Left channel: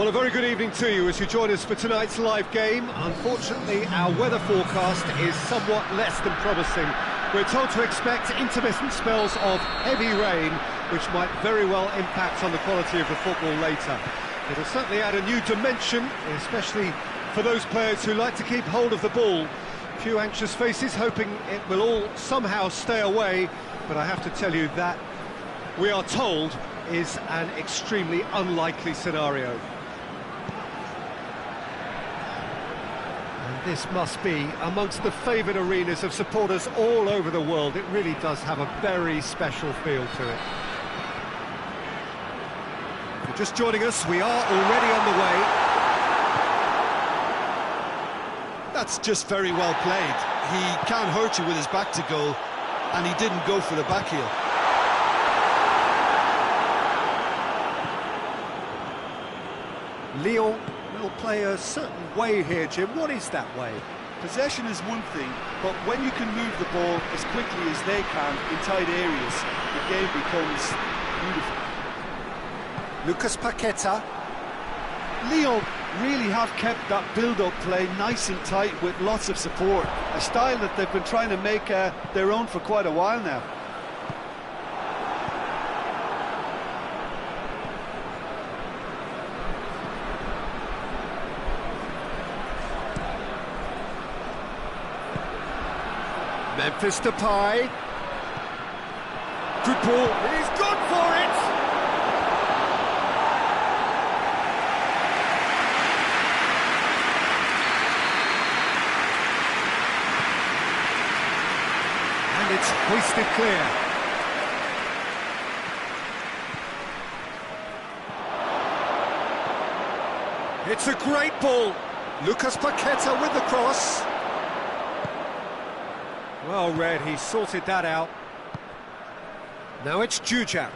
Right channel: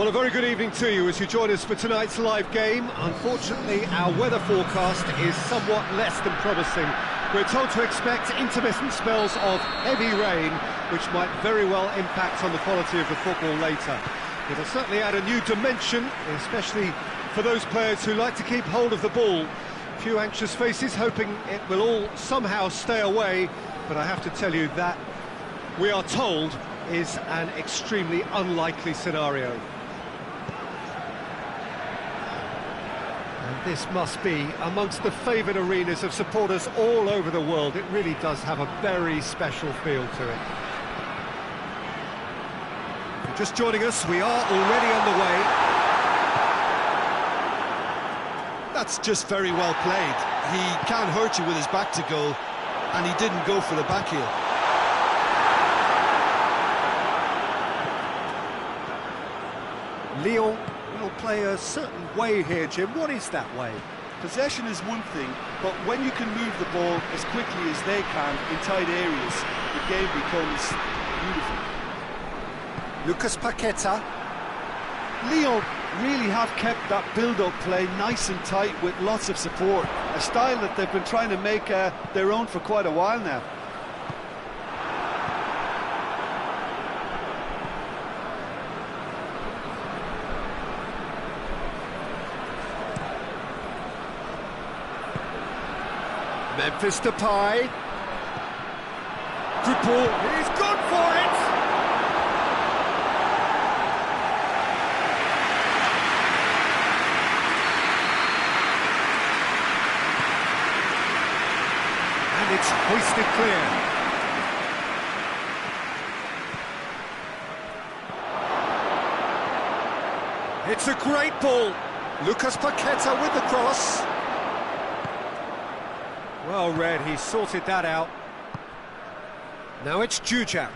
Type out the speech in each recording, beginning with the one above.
Well, a very good evening to you as you join us for tonight's live game. Unfortunately, our weather forecast is somewhat less than promising. We're told to expect intermittent spells of heavy rain, which might very well impact on the quality of the football later. It'll certainly add a new dimension, especially for those players who like to keep hold of the ball. A few anxious faces hoping it will all somehow stay away, but I have to tell you that we are told is an extremely unlikely scenario. And this must be amongst the favoured arenas of supporters all over the world. It really does have a very special feel to it. If you're just joining us, we are already underway. That's just very well played. He can't hurt you with his back to goal, and he didn't go for the back heel. Lyon will play a certain way here, Jim. What is that way? Possession is one thing, but when you can move the ball as quickly as they can in tight areas, the game becomes beautiful. Lucas Paqueta. Lyon really have kept that build-up play nice and tight with lots of support, a style that they've been trying to make their own for quite a while now. Memphis Depay. Good ball. He's gone for it! And it's hoisted clear. It's a great ball. Lucas Paqueta with the cross. Well read, he sorted that out. Now it's Jujak.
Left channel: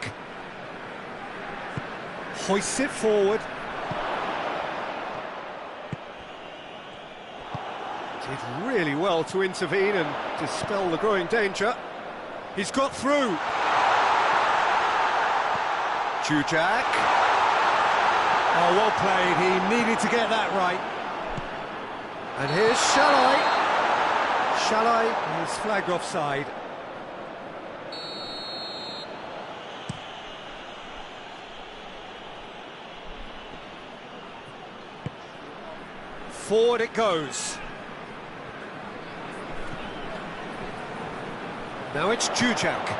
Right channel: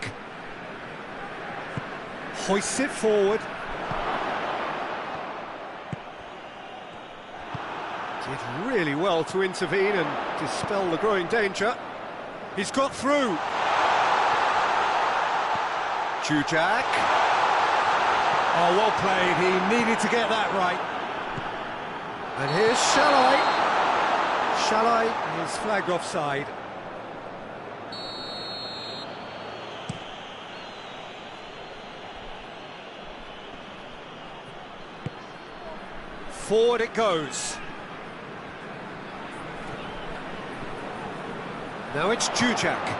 Hoists it forward. Did really well to intervene and dispel the growing danger. He's got through. Jujak. Oh, well played, he needed to get that right. And here's Shalai. Shalai is flagged offside. Forward it goes. Now it's Jujak.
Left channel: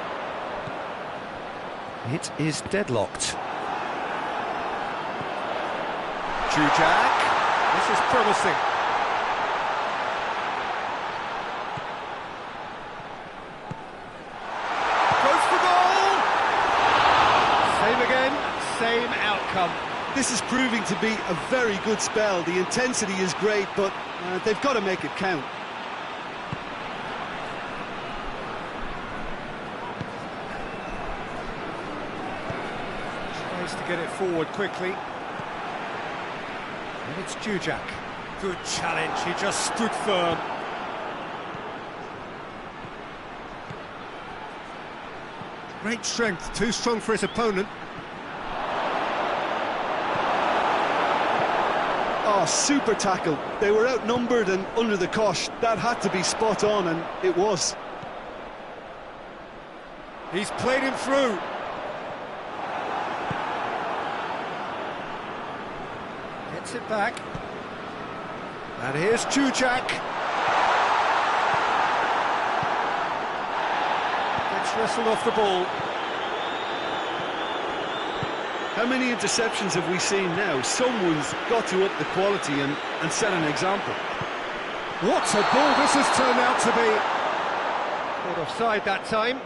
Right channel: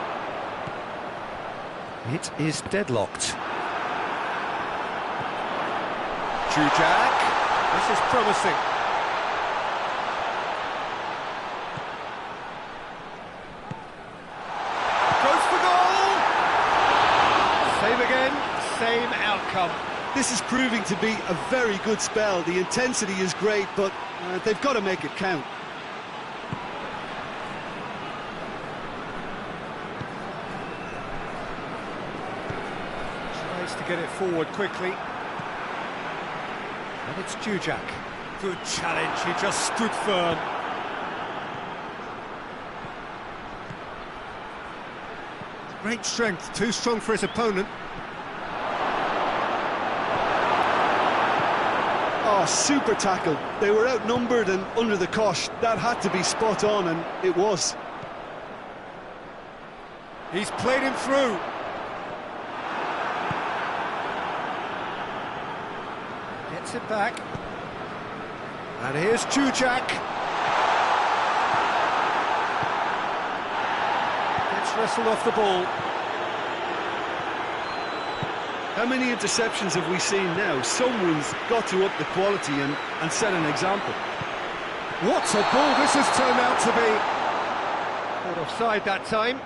It is deadlocked. Jujak. This is promising. Same again, same outcome. This is proving to be a very good spell. The intensity is great, but they've got to make it count. Tries to get it forward quickly. And it's Jujak. Good challenge, he just stood firm. Great strength, too strong for his opponent. Oh, super tackle. They were outnumbered and under the cosh. That had to be spot on, and it was. He's played him through. Gets it back. And here's Jujak. Wrestled off the ball. How many interceptions have we seen now? Someone's got to up the quality and set an example. What a ball this has turned out to be. Caught offside that time.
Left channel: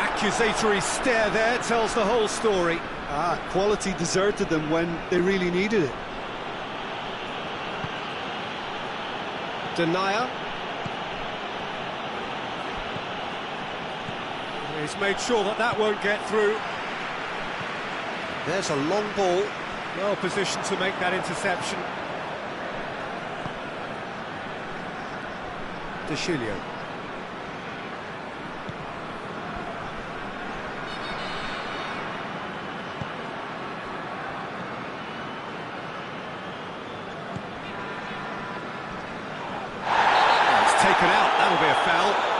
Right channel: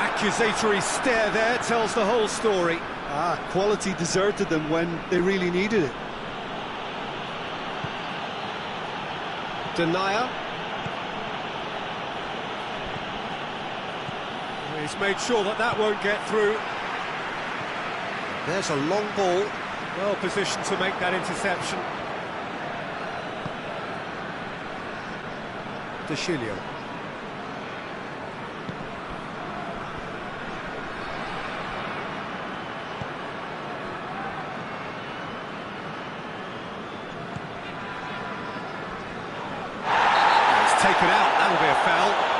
Accusatory stare there tells the whole story. Quality deserted them when they really needed it. Denier. He's made sure that that won't get through. There's a long ball. Well positioned to make that interception. De Chilio. It's taken out, that'll be a foul.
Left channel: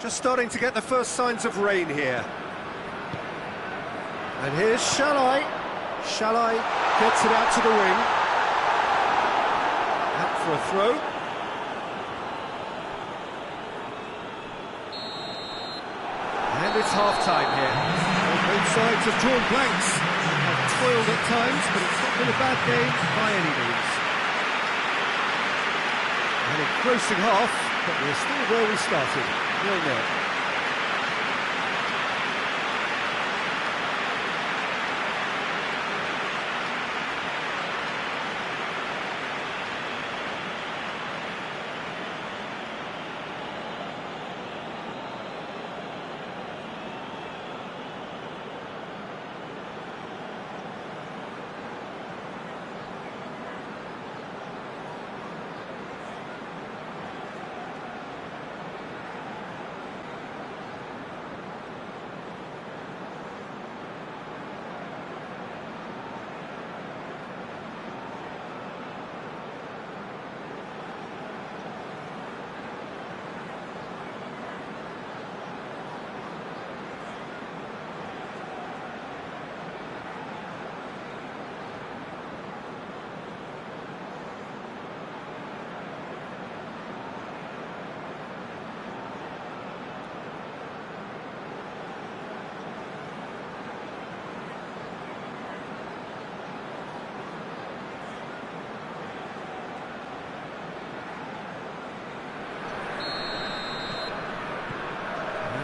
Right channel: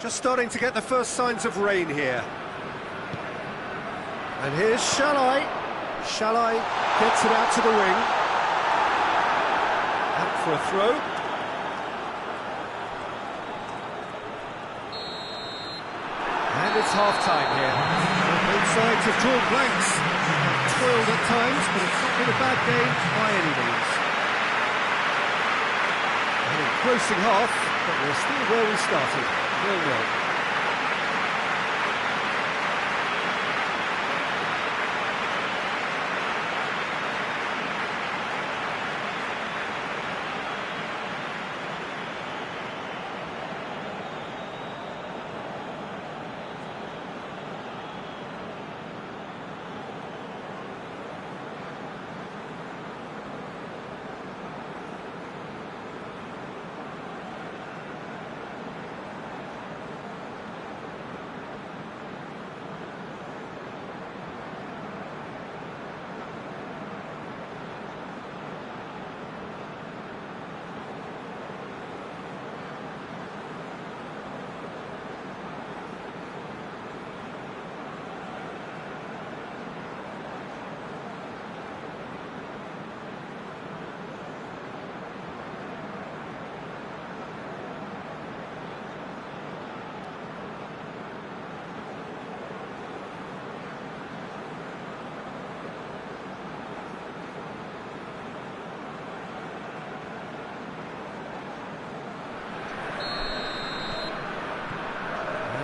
Just starting to get the first signs of rain here. And here's Shalai. Shalai gets it out to the wing. Out for a throw. And it's half-time here. Well, both sides have drawn blanks. Have toiled at times, but it's not been a bad game by any means. An engrossing half, but we're still where we started. 0-0.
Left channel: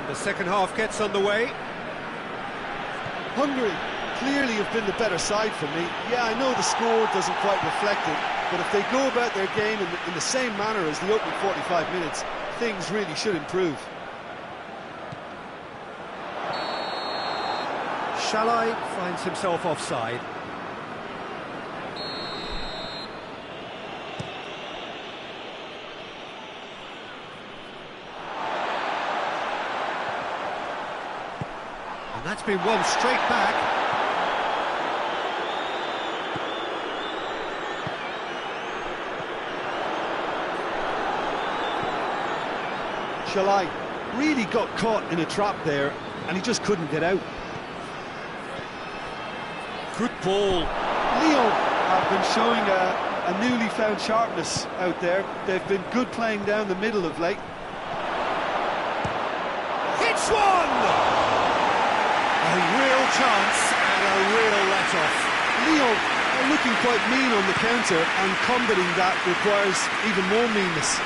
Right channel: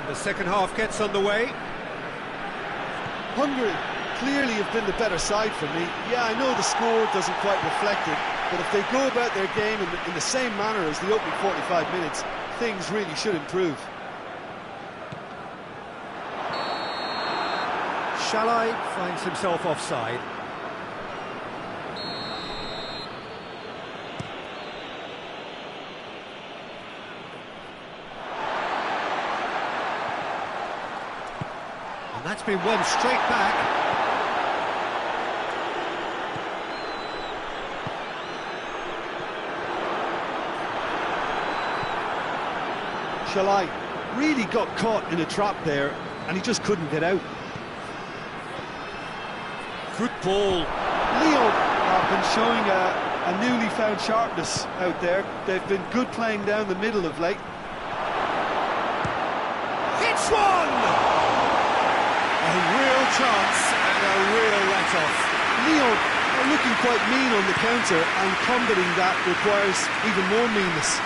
The second half gets underway. Hungary clearly have been the better side for me. Yeah, I know the score doesn't quite reflect it, but if they go about their game in the same manner as the opening 45 minutes, things really should improve. Shalai finds himself offside. And that's been won straight back. Shalai really got caught in a trap there, and he just couldn't get out. Good ball. Lyon have been showing a newly found sharpness out there. They've been good playing down the middle of late. Hits one! A real chance and a real let-off. Lyon are looking quite mean on the counter, and combating that requires even more meanness.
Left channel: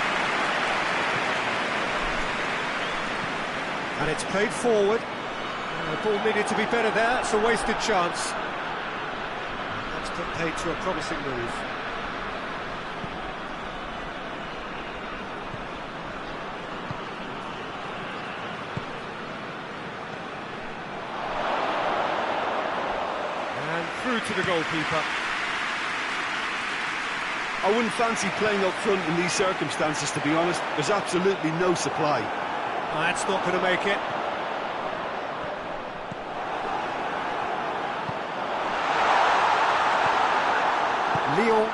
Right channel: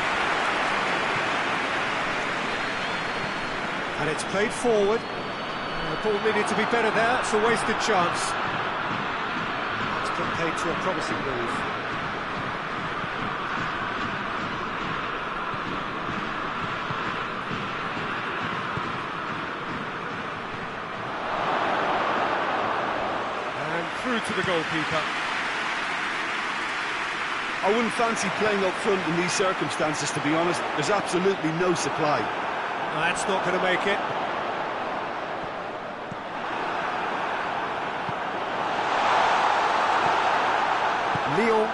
And it's played forward. The ball needed to be better there, it's a wasted chance. That's put paid to a promising move. And through to the goalkeeper. I wouldn't fancy playing up front in these circumstances, to be honest. There's absolutely no supply. No, that's not going to make it. Lyon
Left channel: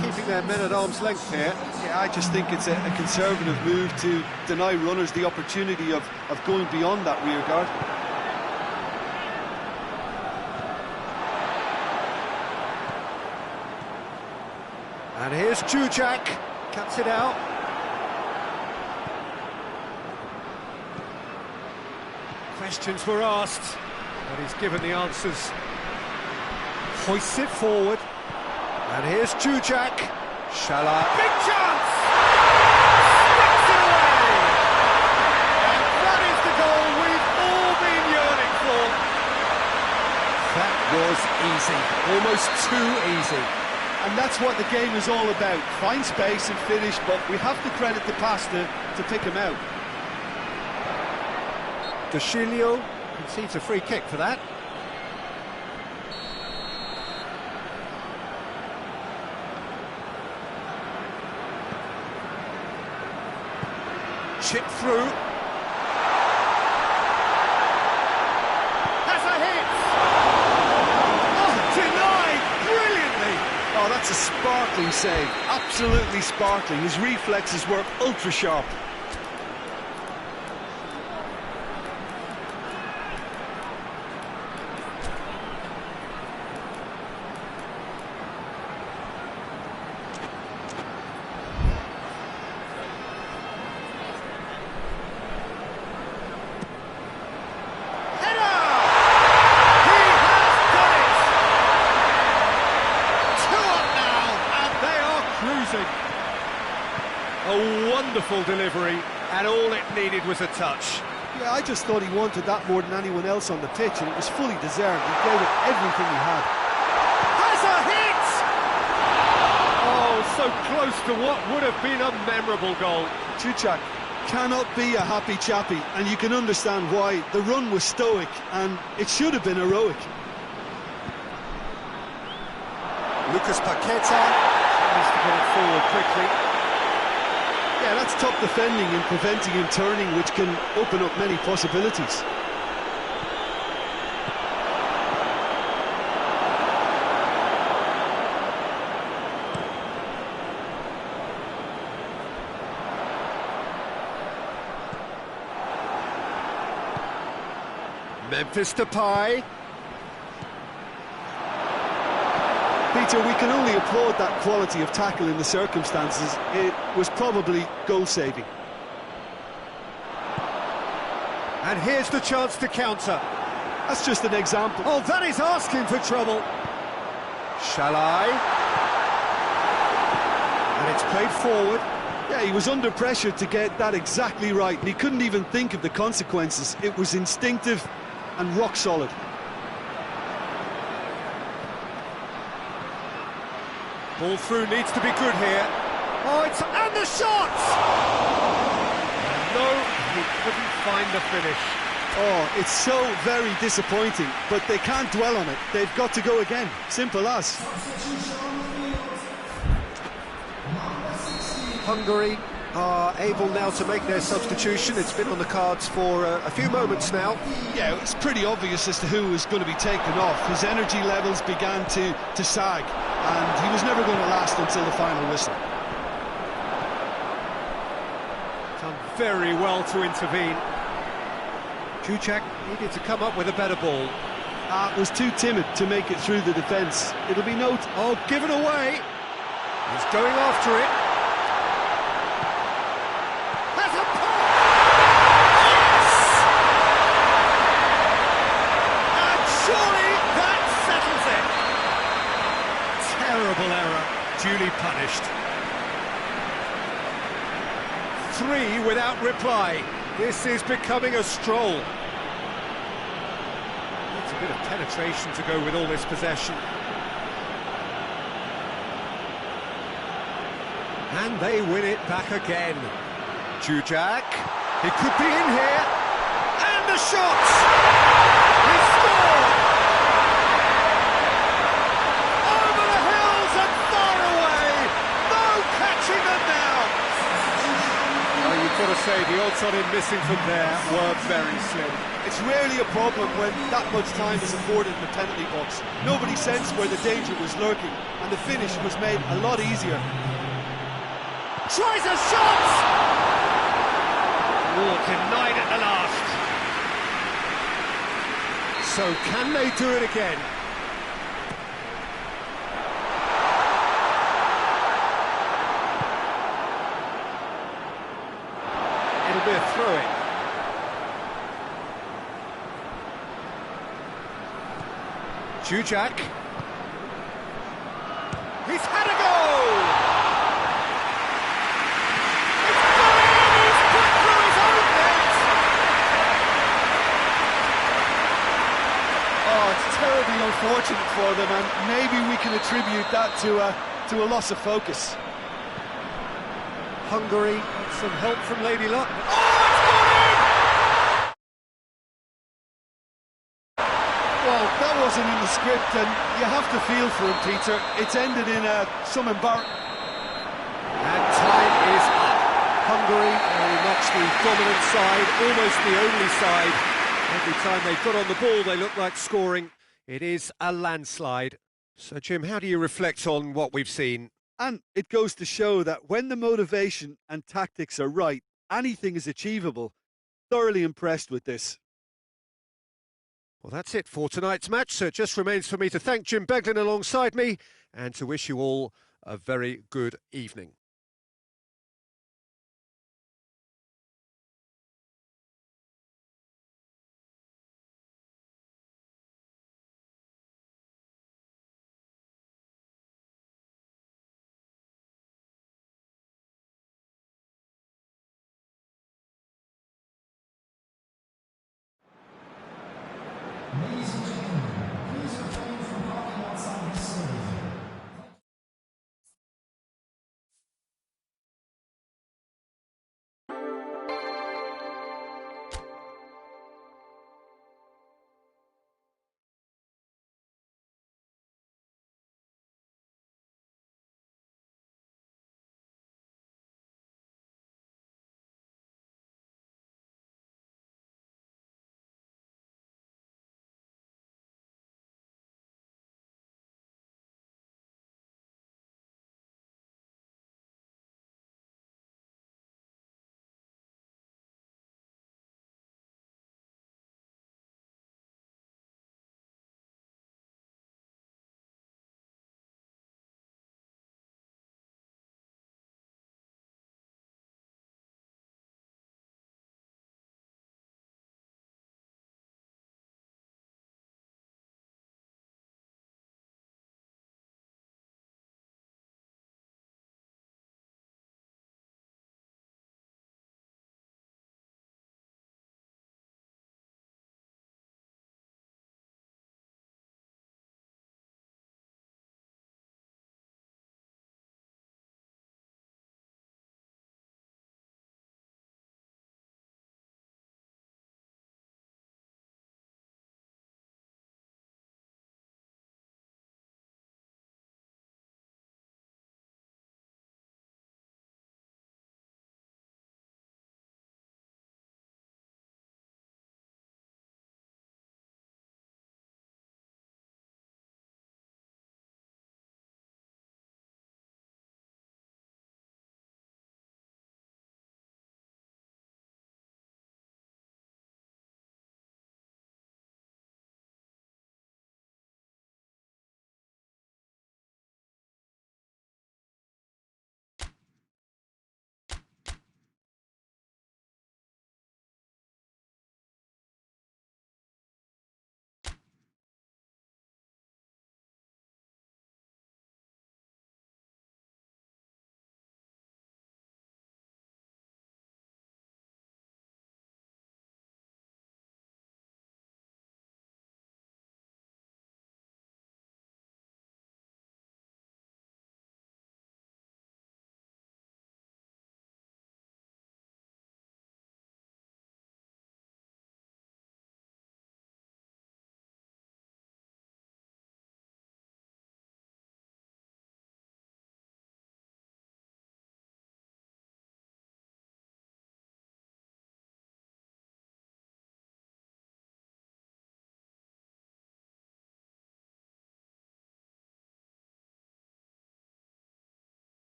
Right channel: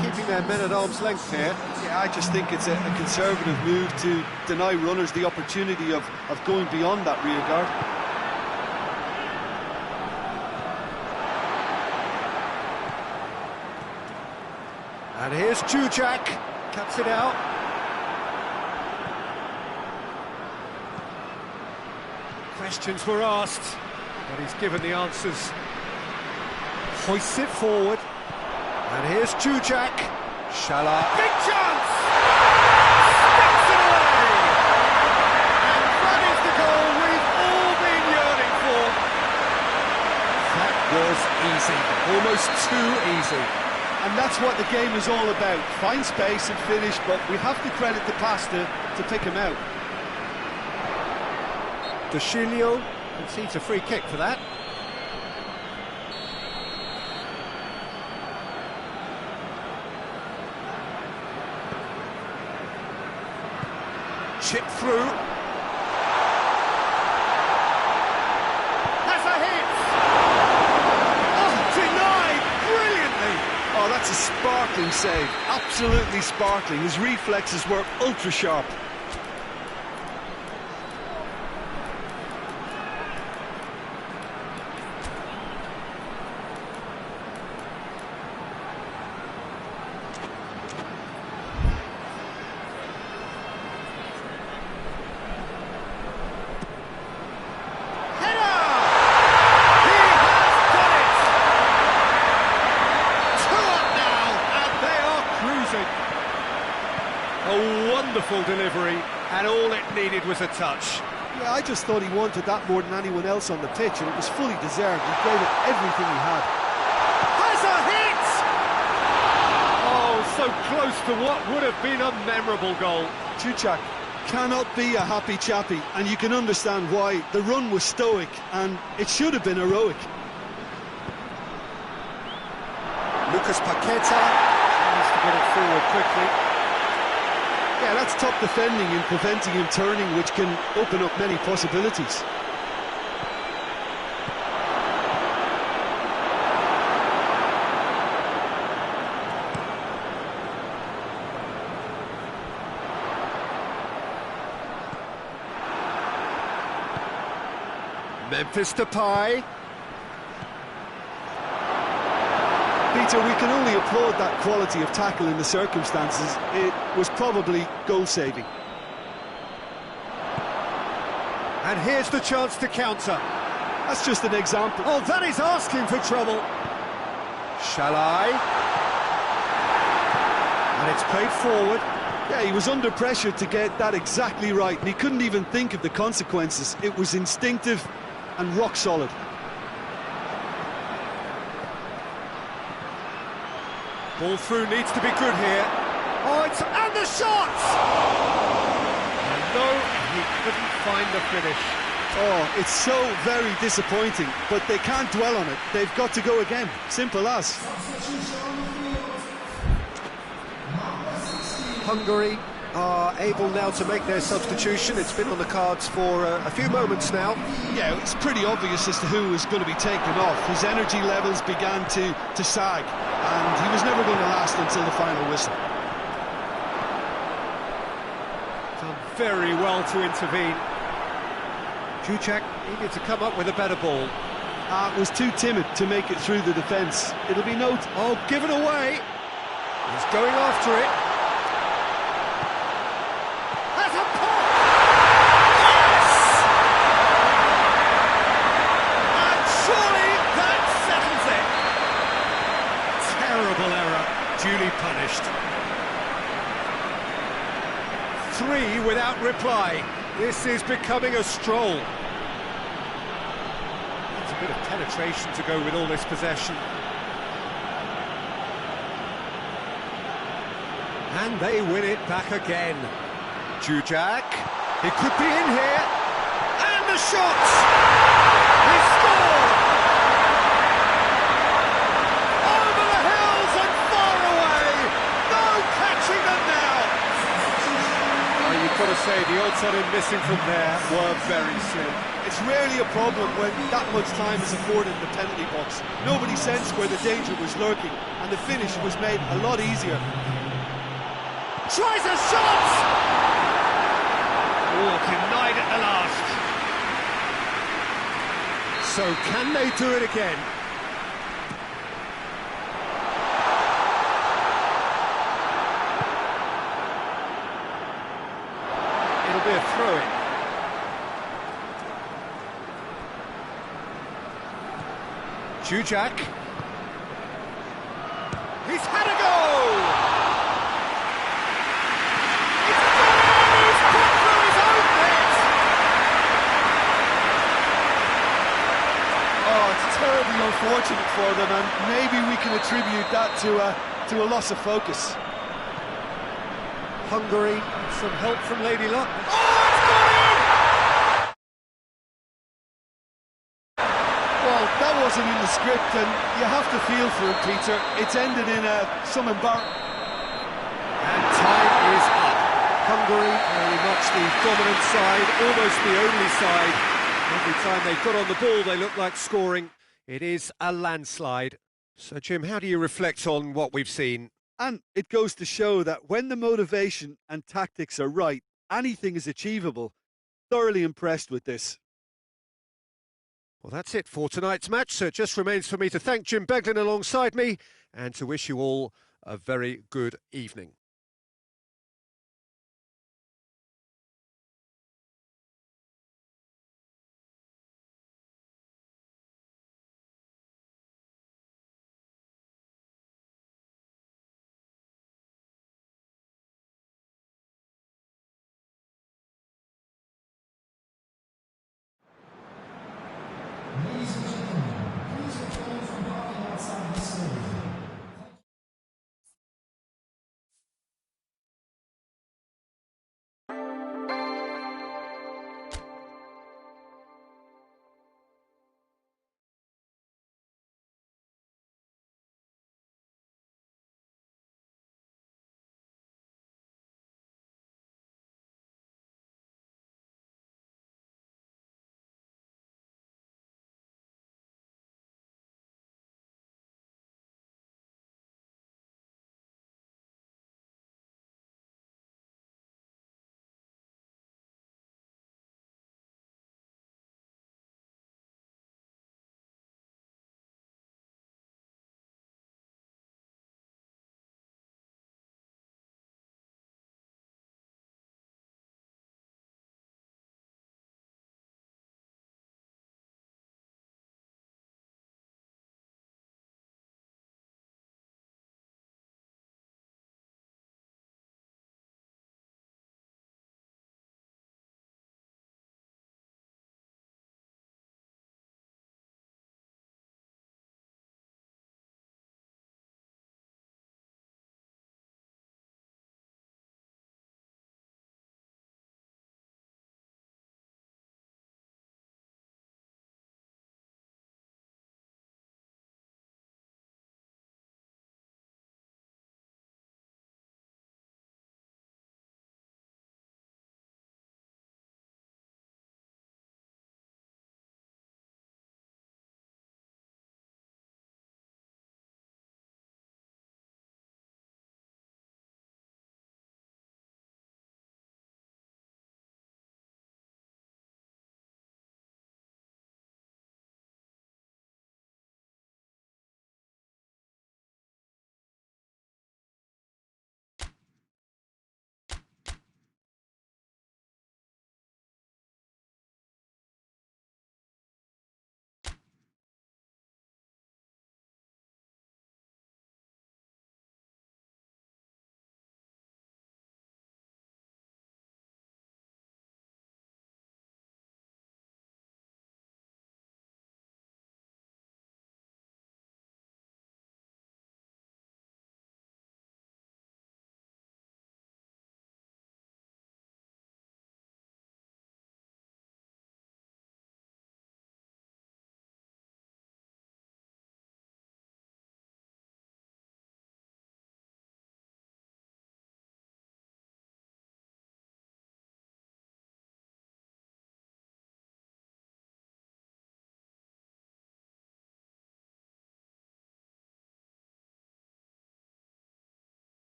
keeping their men at arm's length here. Yeah, I just think it's a conservative move to deny runners the opportunity of going beyond that rear guard. And here's Jujak, cuts it out. Questions were asked, but he's given the answers. Hoists it forward. And here's Jujak. Shala. Big chance! Sticks it away! And that is the goal we've all been yearning for. That was easy, almost too easy. And that's what the game is all about. Find space and finish, but we have to credit the Pasta to pick him out. Dashilio concedes a free kick for that. Chip through. Has a hit! Oh, denied brilliantly! Oh, that's a sparkling save. Absolutely sparkling. His reflexes were ultra sharp. A wonderful delivery, and all it needed was a touch. Yeah, I just thought he wanted that more than anyone else on the pitch, and it was fully deserved. He gave it everything he had. Has a hit! Oh, so close to what would have been a memorable goal. Jujak cannot be a happy chappy, and you can understand why. The run was stoic, and it should have been heroic. Lucas Paqueta needs to get it forward quickly. Yeah, that's top defending and preventing him turning, which can open up many possibilities. Memphis Depay. Peter, we can only applaud that quality of tackle in the circumstances. It was probably goal-saving. And here's the chance to counter. That's just an example. Oh, that is asking for trouble. Shall I? And it's played forward. Yeah, he was under pressure to get that exactly right, and he couldn't even think of the consequences. It was instinctive and rock solid. Ball through needs to be good here. Oh, it's... and the shot! And no, he couldn't find the finish. Oh, it's so very disappointing, but they can't dwell on it. They've got to go again. Simple as. Hungary are able now to make their substitution. It's been on the cards for a few moments now. Yeah, it's pretty obvious as to who was going to be taken off. His energy levels began to sag, and he was never going to last until the final whistle. Done very well to intervene. Jujak needed to come up with a better ball. Was too timid to make it through the defence. It'll be noted. Oh, given away. He's going after it. Has a pop! Yes! And surely that settles it. Terrible error, duly punished. 3 without reply. This is becoming a stroll. It's a bit of penetration to go with all this possession. And they win it back again. Jujak, he could be in here, and the shot! He scored! Over the hills and far away! No catching them now! Oh, you've got to say, the odds on him missing from there were very slim. It's rarely a problem when that much time is afforded in the penalty box. Nobody sensed where the danger was lurking, and the finish was made a lot easier. Tries a shot! Oh, denied at the last. So can they do it again? It'll be a throw-in. Jujak. He's had a go! It's gone in! He's put through his own net! Oh, it's terribly unfortunate for them, and maybe we can attribute that to a loss of focus. Hungary, some help from Lady Luck. Oh, it's gone in! Well, that wasn't in the script, and you have to feel for him, Peter. It's ended in some embarrassment. And time is up. Hungary, very much the dominant side, almost the only side. Every time they've got on the ball, they look like scoring. It is a landslide. So, Jim, how do you reflect on what we've seen? And it goes to show that when the motivation and tactics are right, anything is achievable. Thoroughly impressed with this. Well, that's it for tonight's match, so it just remains for me to thank Jim Beglin alongside me and to wish you all a very good evening.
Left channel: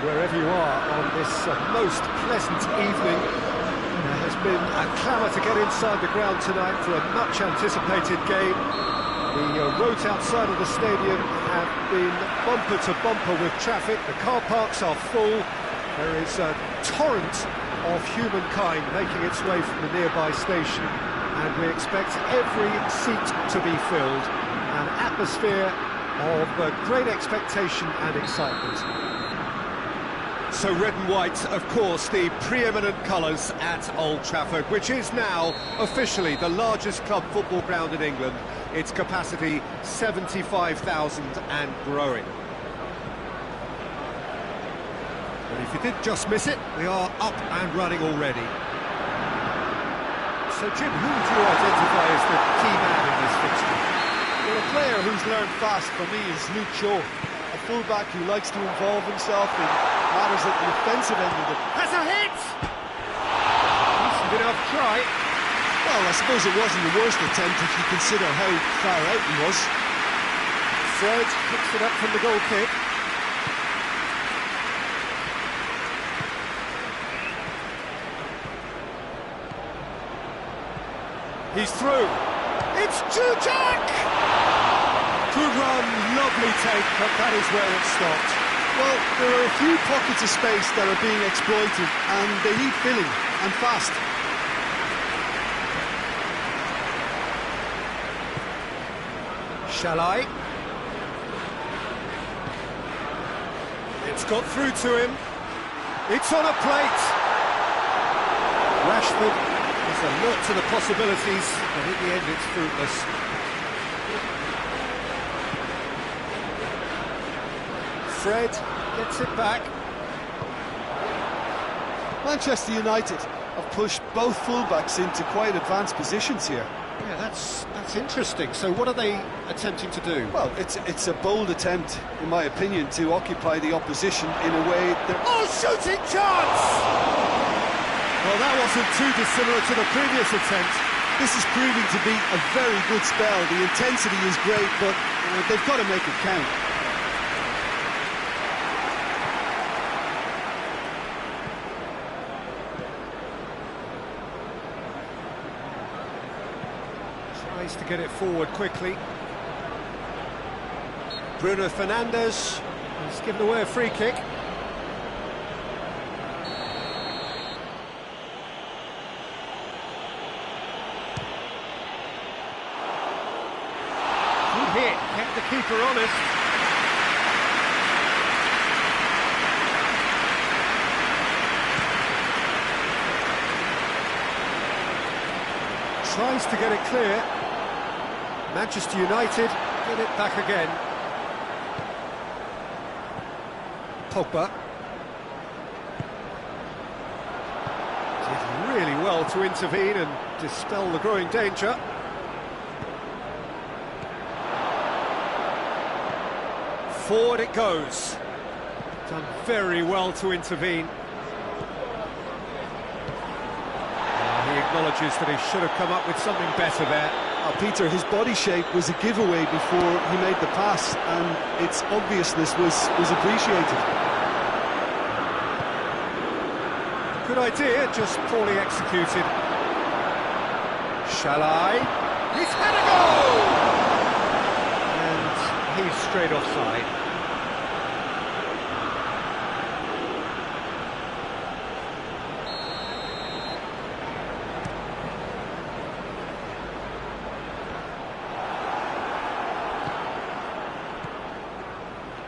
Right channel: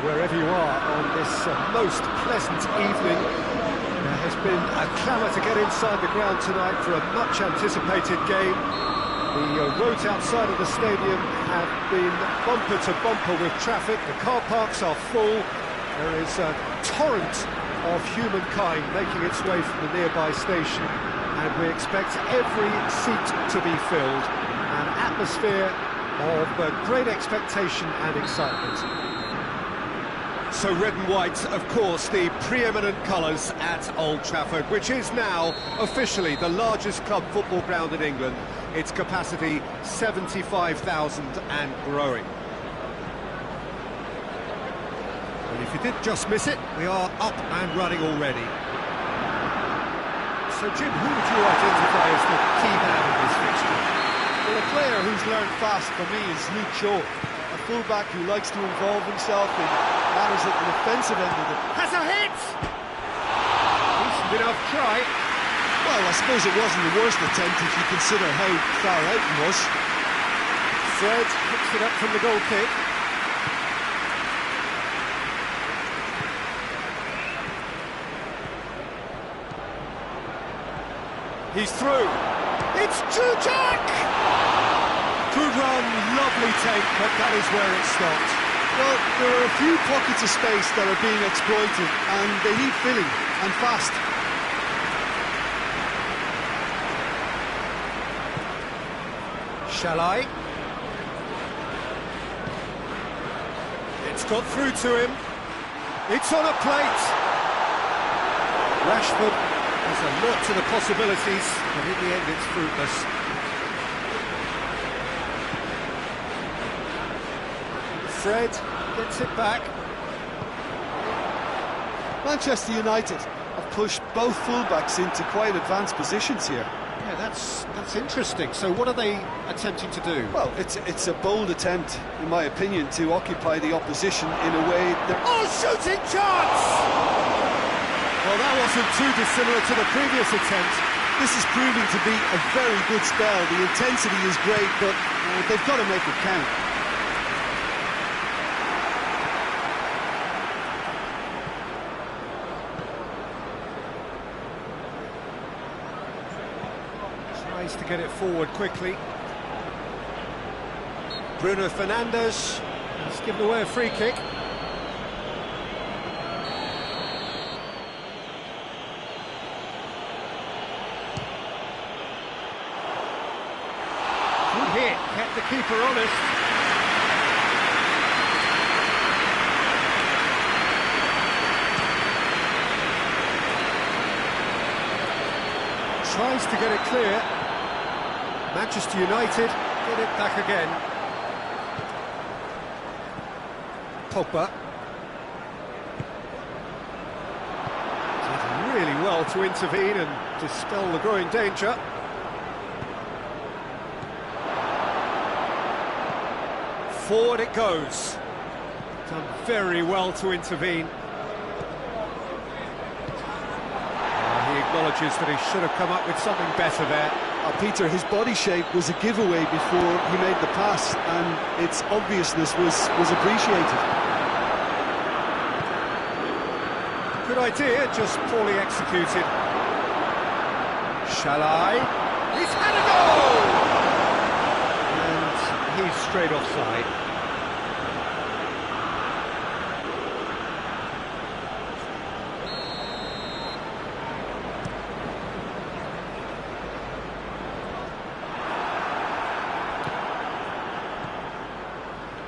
Wherever you are on this most pleasant evening, there has been a clamour to get inside the ground tonight for a much-anticipated game. The roads outside of the stadium have been bumper to bumper with traffic. The car parks are full. There is a torrent of humankind making its way from the nearby station, and we expect every seat to be filled. An atmosphere of great expectation and excitement. So red and white, of course, the preeminent colours at Old Trafford, which is now officially the largest club football ground in England. Its capacity 75,000 and growing. But if you did just miss it, we are up and running already. So Jim, who would you identify as the key man in this fixture? Well, a player who's learned fast for me is Luke Shaw, a fullback who likes to involve himself in matters at the defensive end of it. Has a hit! Decent enough try. Well, I suppose it wasn't the worst attempt if you consider how far out he was. Fred picks it up from the goal kick. He's through. It's Jujak! Good run, lovely take, but that is where it stopped. Well, there are a few pockets of space that are being exploited, and they need filling, and fast. Shall I? It's got through to him. It's on a plate. Rashford is alert to the possibilities, but in the end it's fruitless. Fred gets it back. Manchester United have pushed both fullbacks into quite advanced positions here. Yeah, that's interesting. So what are they attempting to do? Well, it's a bold attempt, in my opinion, to occupy the opposition in a way that... Oh, shooting chance! Well, that wasn't too dissimilar to the previous attempt. This is proving to be a very good spell. The intensity is great, but they've got to make it count. Tries to get it forward quickly. Bruno Fernandes has given away a free kick. Good hit, kept the keeper honest. Tries to get it clear. Manchester United get it back again. Pogba did really well to intervene and dispel the growing danger. Forward it goes. Done very well to intervene. He acknowledges that he should have come up with something better there. Peter, his body shape was a giveaway before he made the pass, and its obviousness was appreciated. Good idea, just poorly executed. Shall I? He's had a go! And he's straight offside.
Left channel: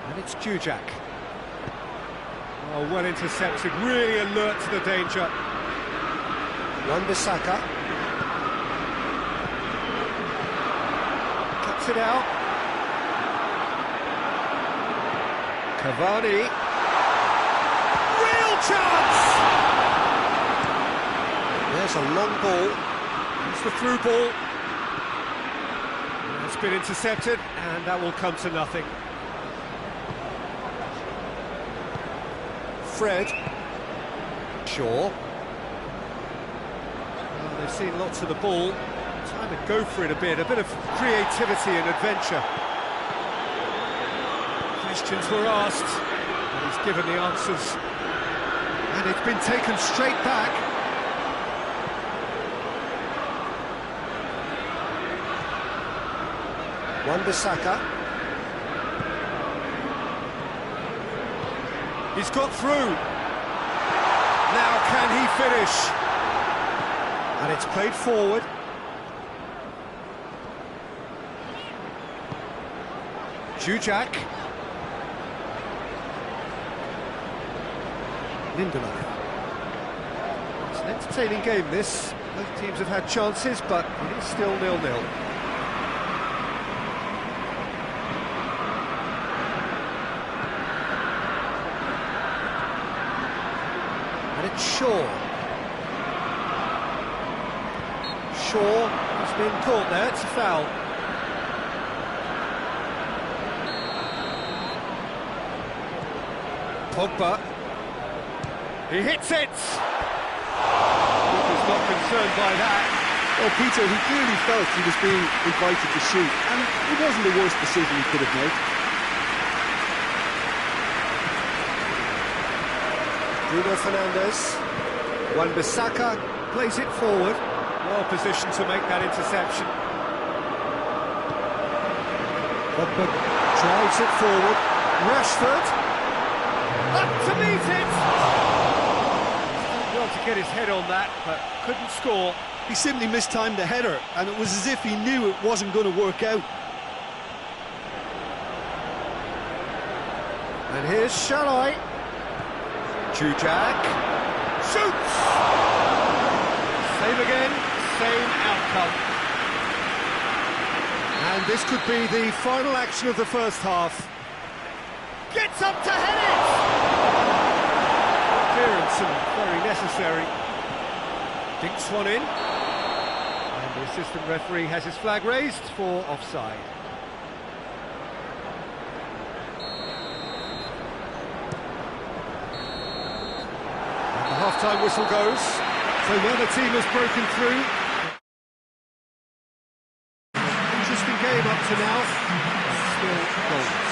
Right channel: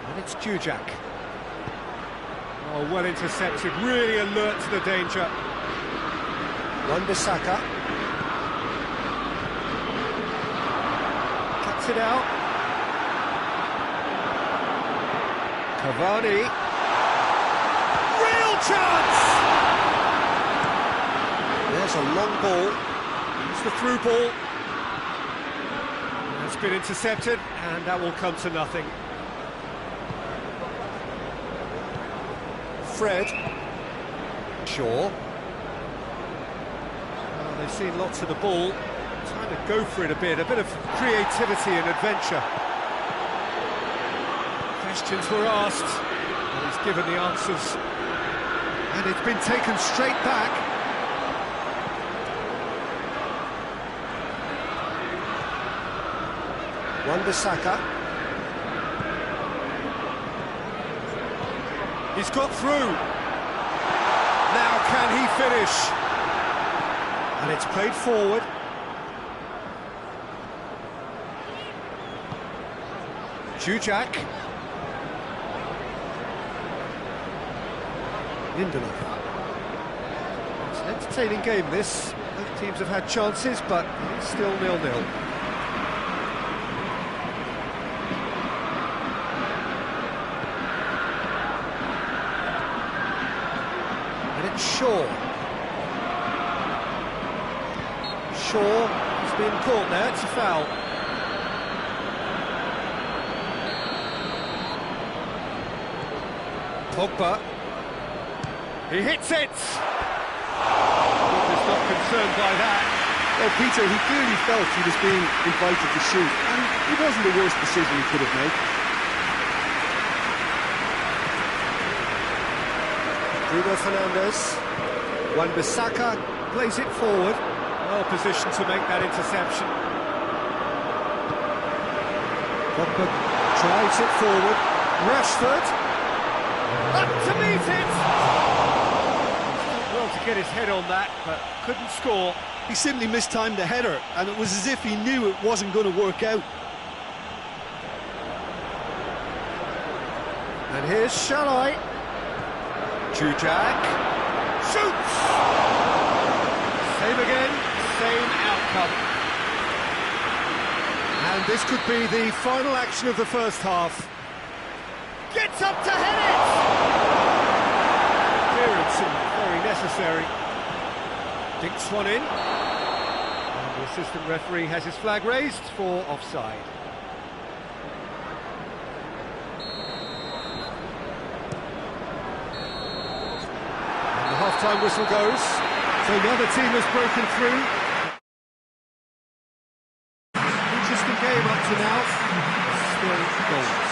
And it's Jujak. Oh, well intercepted, really alert to the danger. Wan-Bissaka. Cuts it out. Cavani. Real chance! There's a long ball. It's the through ball. It's been intercepted, and that will come to nothing. Fred. Shaw. Well, they've seen lots of the ball. Time to go for it a bit of creativity and adventure. Questions were asked, and he's given the answers. And it's been taken straight back. Wan-Bissaka. He's got through. Now can he finish? And it's played forward. Jujak. Lindelof. It's an entertaining game, this. Both teams have had chances, but it is still 0-0. And it's Shaw. Shaw has been caught there, it's a foul. Pogba. He hits it! Keeper's not concerned by that. Well, Peter, he clearly felt he was being invited to shoot, and it wasn't the worst decision he could have made. Bruno Fernandes. Wan-Bissaka plays it forward. Well positioned to make that interception. Pogba drives it forward. Rashford. Up to meet it! He's done well to get his head on that, but couldn't score. He simply mistimed the header, and it was as if he knew it wasn't going to work out. And here's Shalai. Jujak. Shoots! Same again, same outcome. And this could be the final action of the first half. Gets up to head it! Clearance and very necessary. Dinks one in. And the assistant referee has his flag raised for offside. And the half-time whistle goes. So the other team has broken through. An interesting game up to now, but still goals.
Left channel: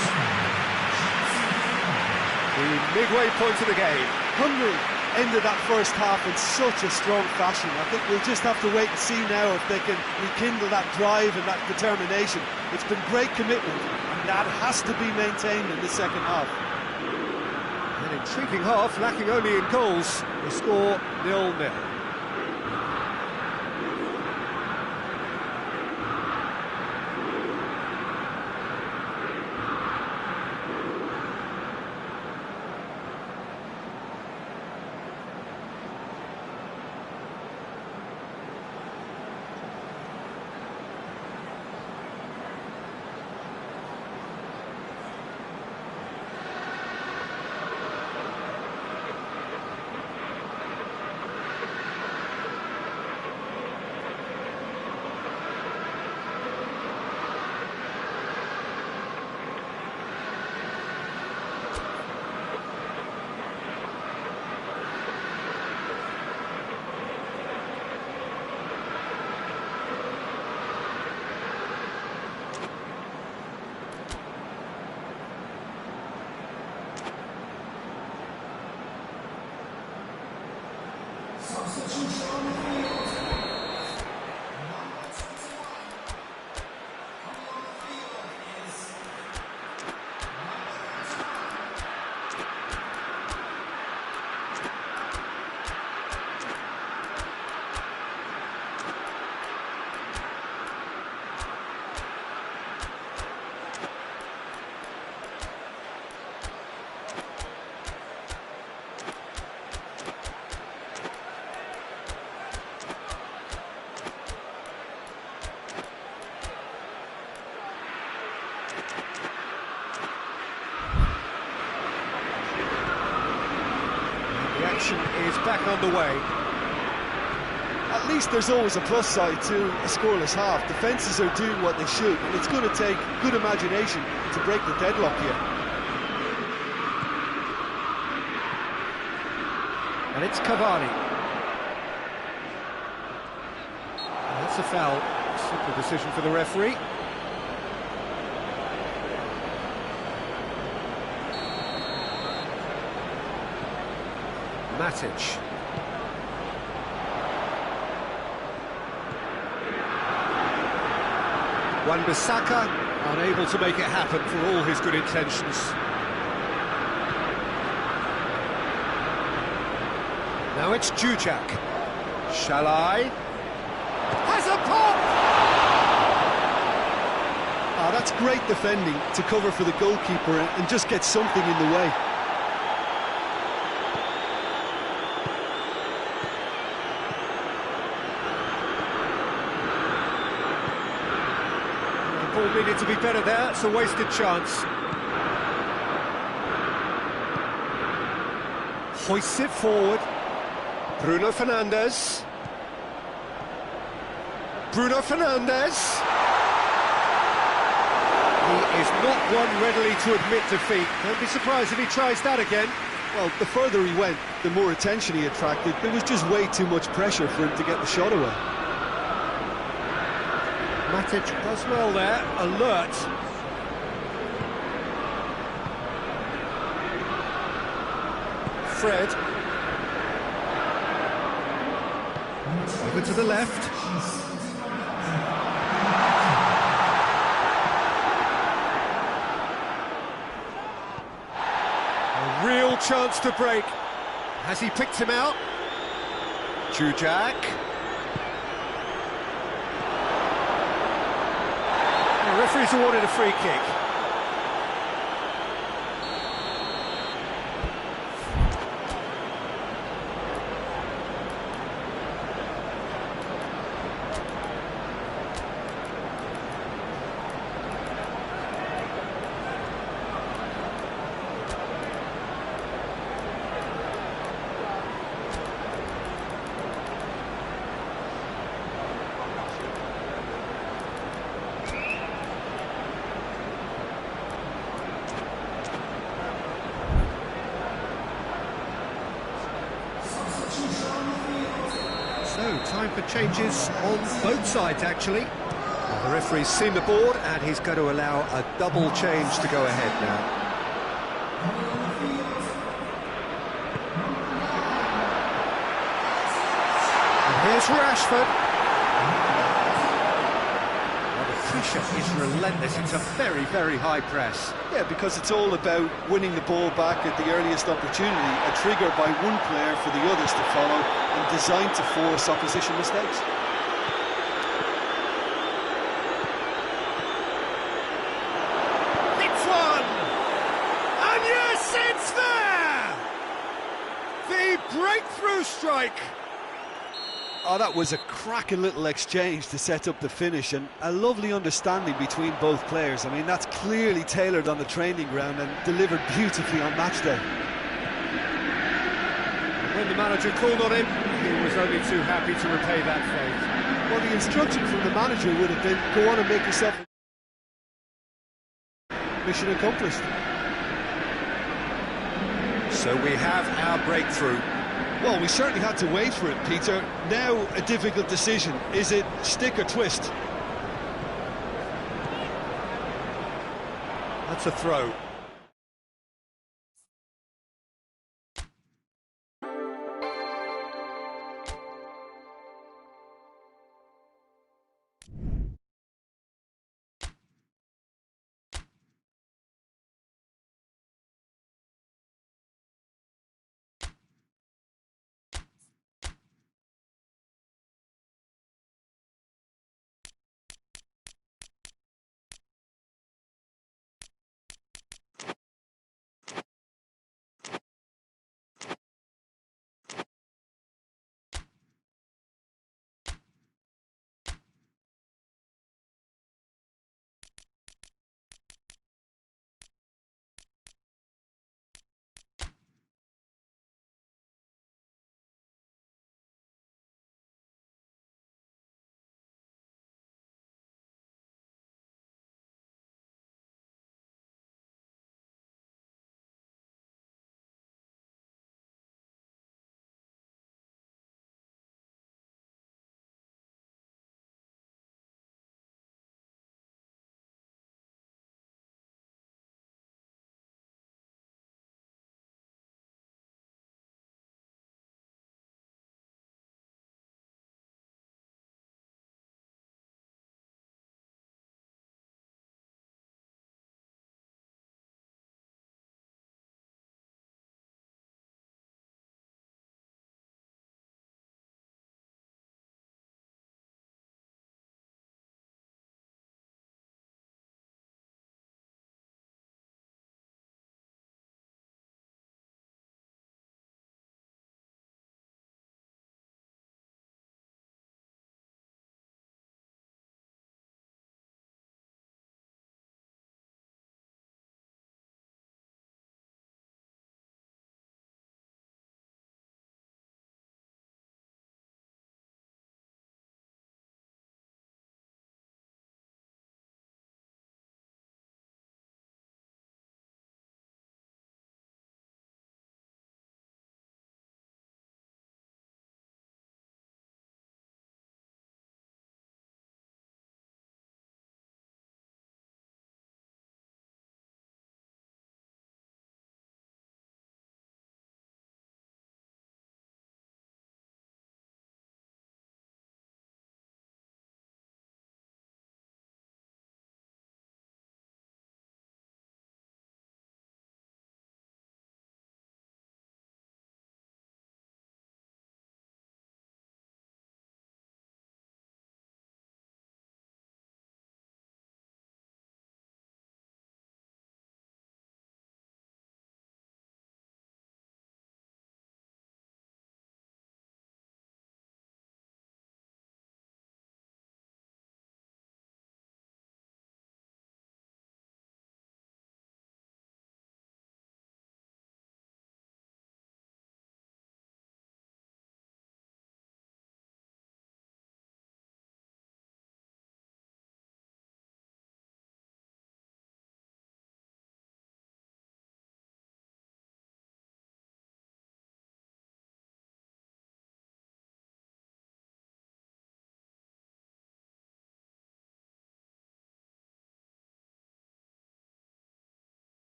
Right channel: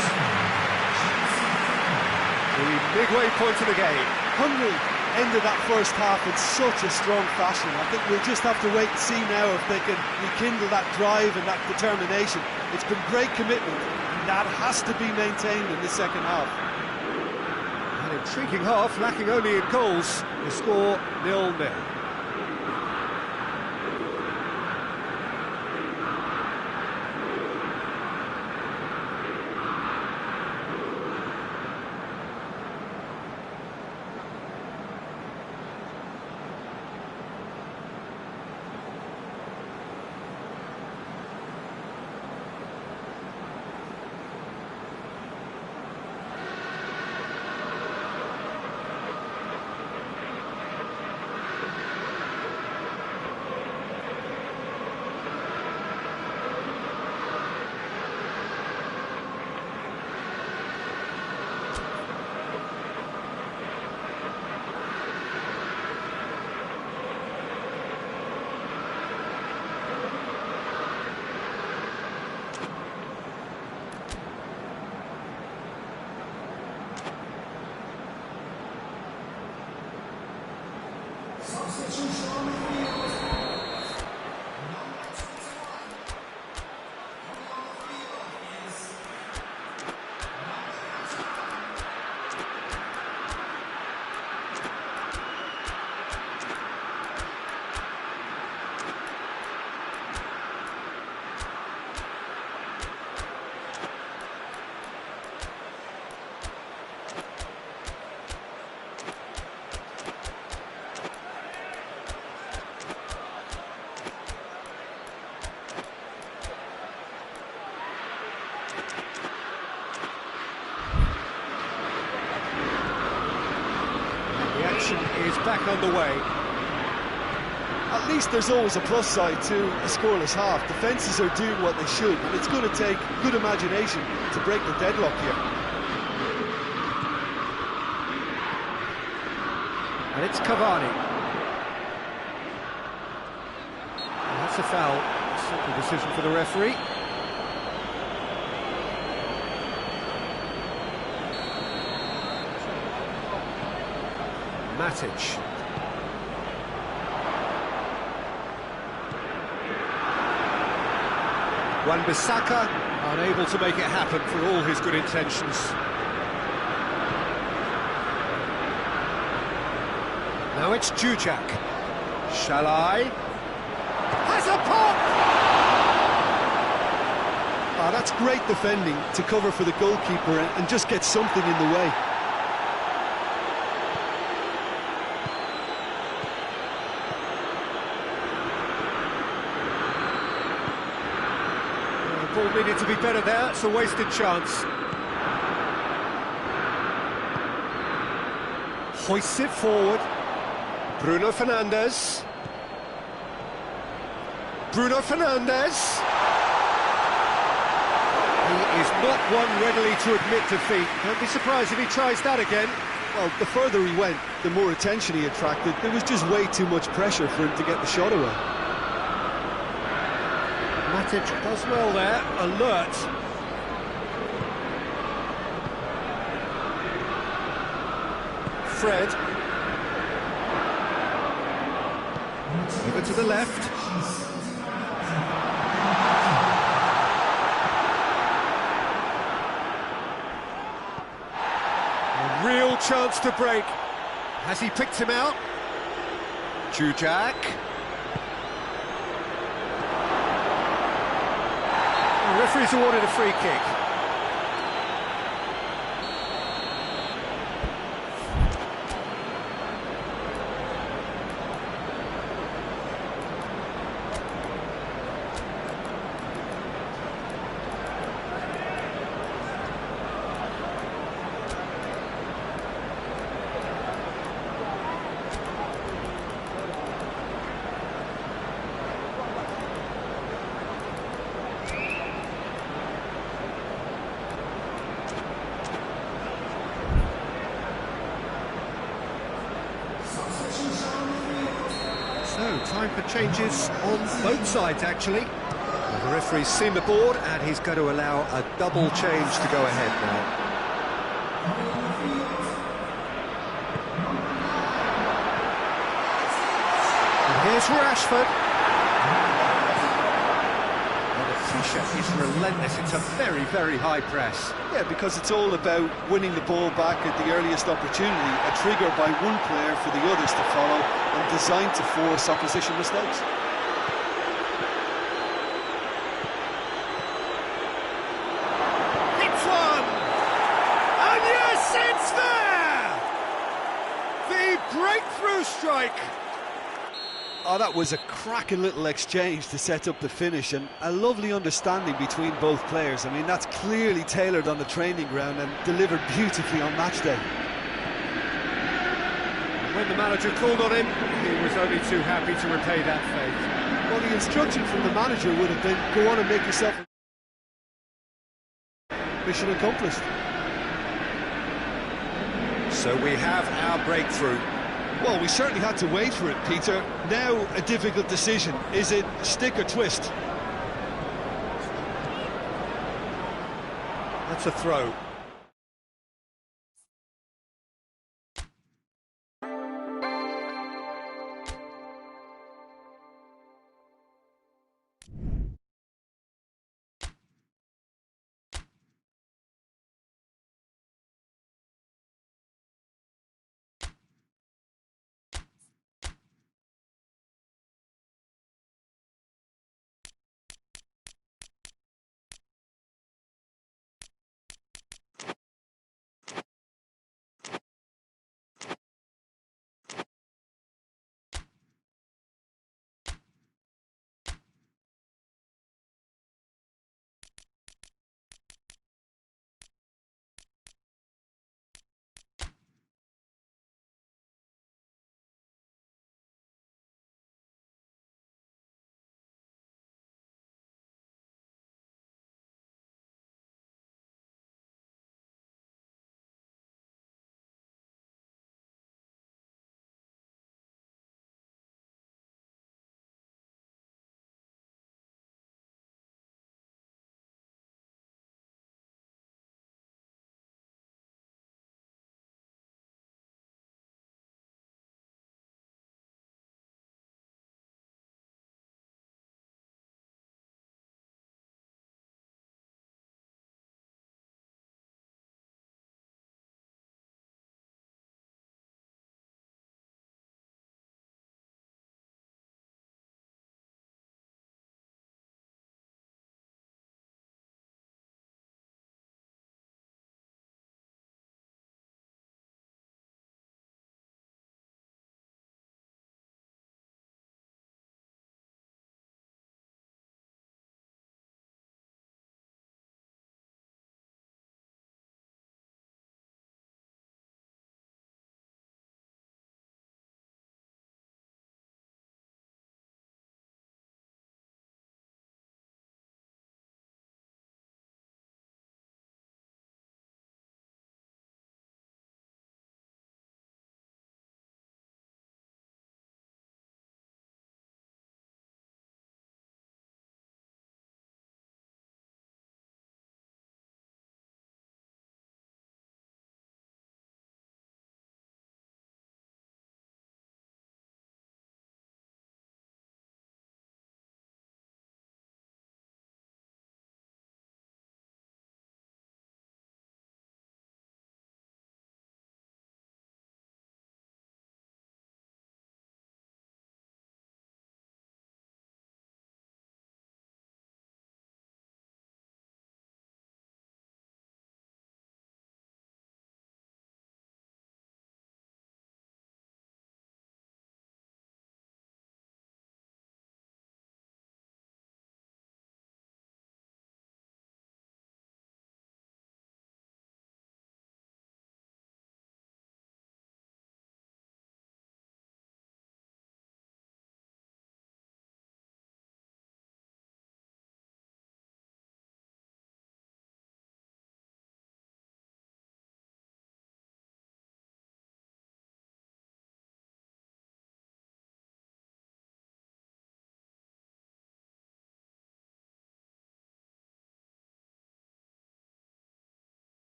The midway point of the game. Hungary ended that first half in such a strong fashion. I think we'll just have to wait and see now if they can rekindle that drive and that determination. It's been great commitment, and that has to be maintained in the second half. An intriguing half, lacking only in goals. The score 0-0. The action is back underway. At least there's always a plus side to a scoreless half. Defences are doing what they should, and it's going to take good imagination to break the deadlock here. And it's Cavani. And that's a foul. Simple decision for the referee. Matic. Wan-Bissaka unable to make it happen for all his good intentions. Now it's Jujak. Shalai has a pop! Ah, that's great defending to cover for the goalkeeper and just get something in the way. The ball needed to be better there, it's a wasted chance. Hoists it forward. Bruno Fernandes. Bruno Fernandes. He is not one readily to admit defeat. Don't be surprised if he tries that again. Well, the further he went, the more attention he attracted. There was just way too much pressure for him to get the shot away. Matic does well there, alert. Fred. Over to the left. A real chance to break. Has he picked him out? Jujak. The referee's awarded a free kick. So, time for changes on both sides, actually. Well, the referee's seen the board, and he's going to allow a double change to go ahead now. And here's Rashford. Well, the pressure is relentless. It's a very, very high press. Yeah, because it's all about winning the ball back at the earliest opportunity, a trigger by one player for the others to follow, and designed to force opposition mistakes. Hits one! And yes, it's there! The breakthrough strike! Oh, that was a cracking little exchange to set up the finish, and a lovely understanding between both players. I mean, that's clearly tailored on the training ground and delivered beautifully on match day. When the manager called on him, he was only too happy to repay that faith. Well, the instruction from the manager would have been, go on and make yourself mission accomplished. So we have our breakthrough. Well, we certainly had to wait for it, Peter. Now a difficult decision. Is it stick or twist? That's a throw.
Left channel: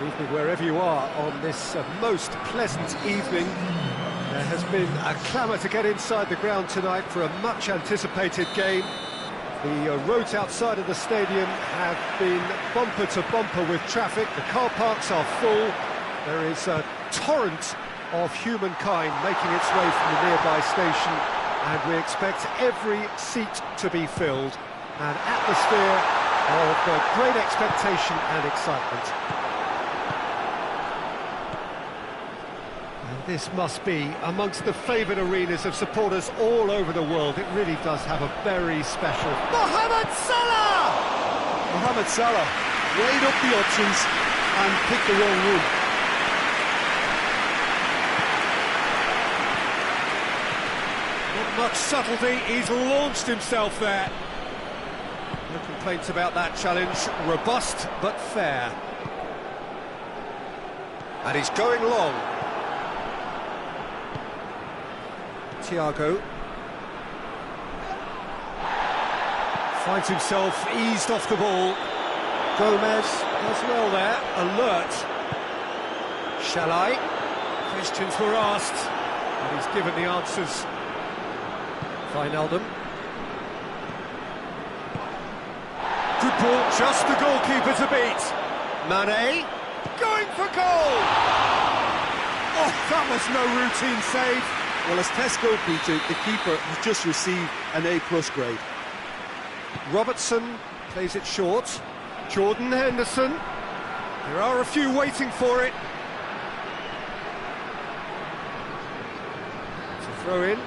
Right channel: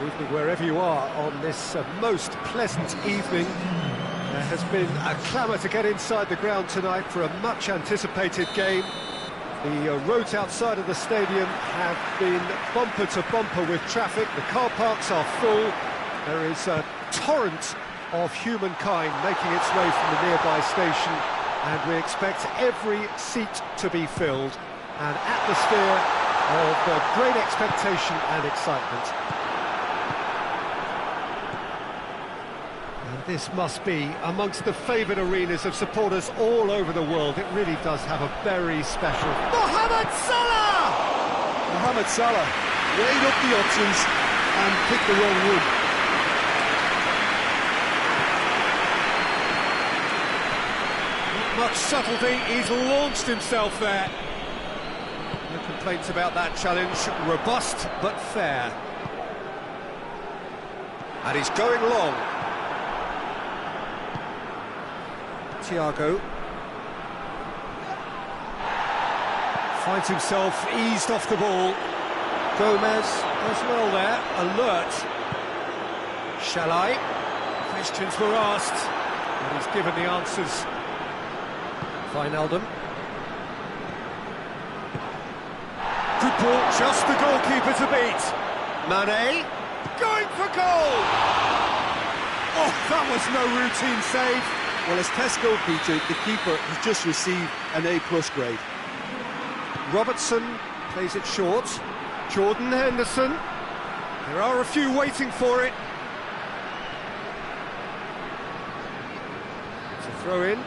Good evening wherever you are on this most pleasant evening. There has been a clamour to get inside the ground tonight for a much-anticipated game. The roads outside of the stadium have been bumper to bumper with traffic. The car parks are full. There is a torrent of humankind making its way from the nearby station, and we expect every seat to be filled. An atmosphere of great expectation and excitement. And this must be amongst the favoured arenas of supporters all over the world. It really does have a very special... Mohamed Salah! Mohamed Salah weighed up the options and picked the wrong one. Not much subtlety, he's launched himself there. No complaints about that challenge, robust but fair. And he's going long. Thiago finds himself eased off the ball. Gomez does well there, alert. Shalai, questions were asked, and he's given the answers. Wijnaldum. Good ball, just the goalkeeper to beat. Mane, going for goal! Oh, that was no routine save. Well, as Tesco, Peter, the keeper has just received an A+ grade. Robertson plays it short. Jordan Henderson. There are a few waiting for it. It's a throw in.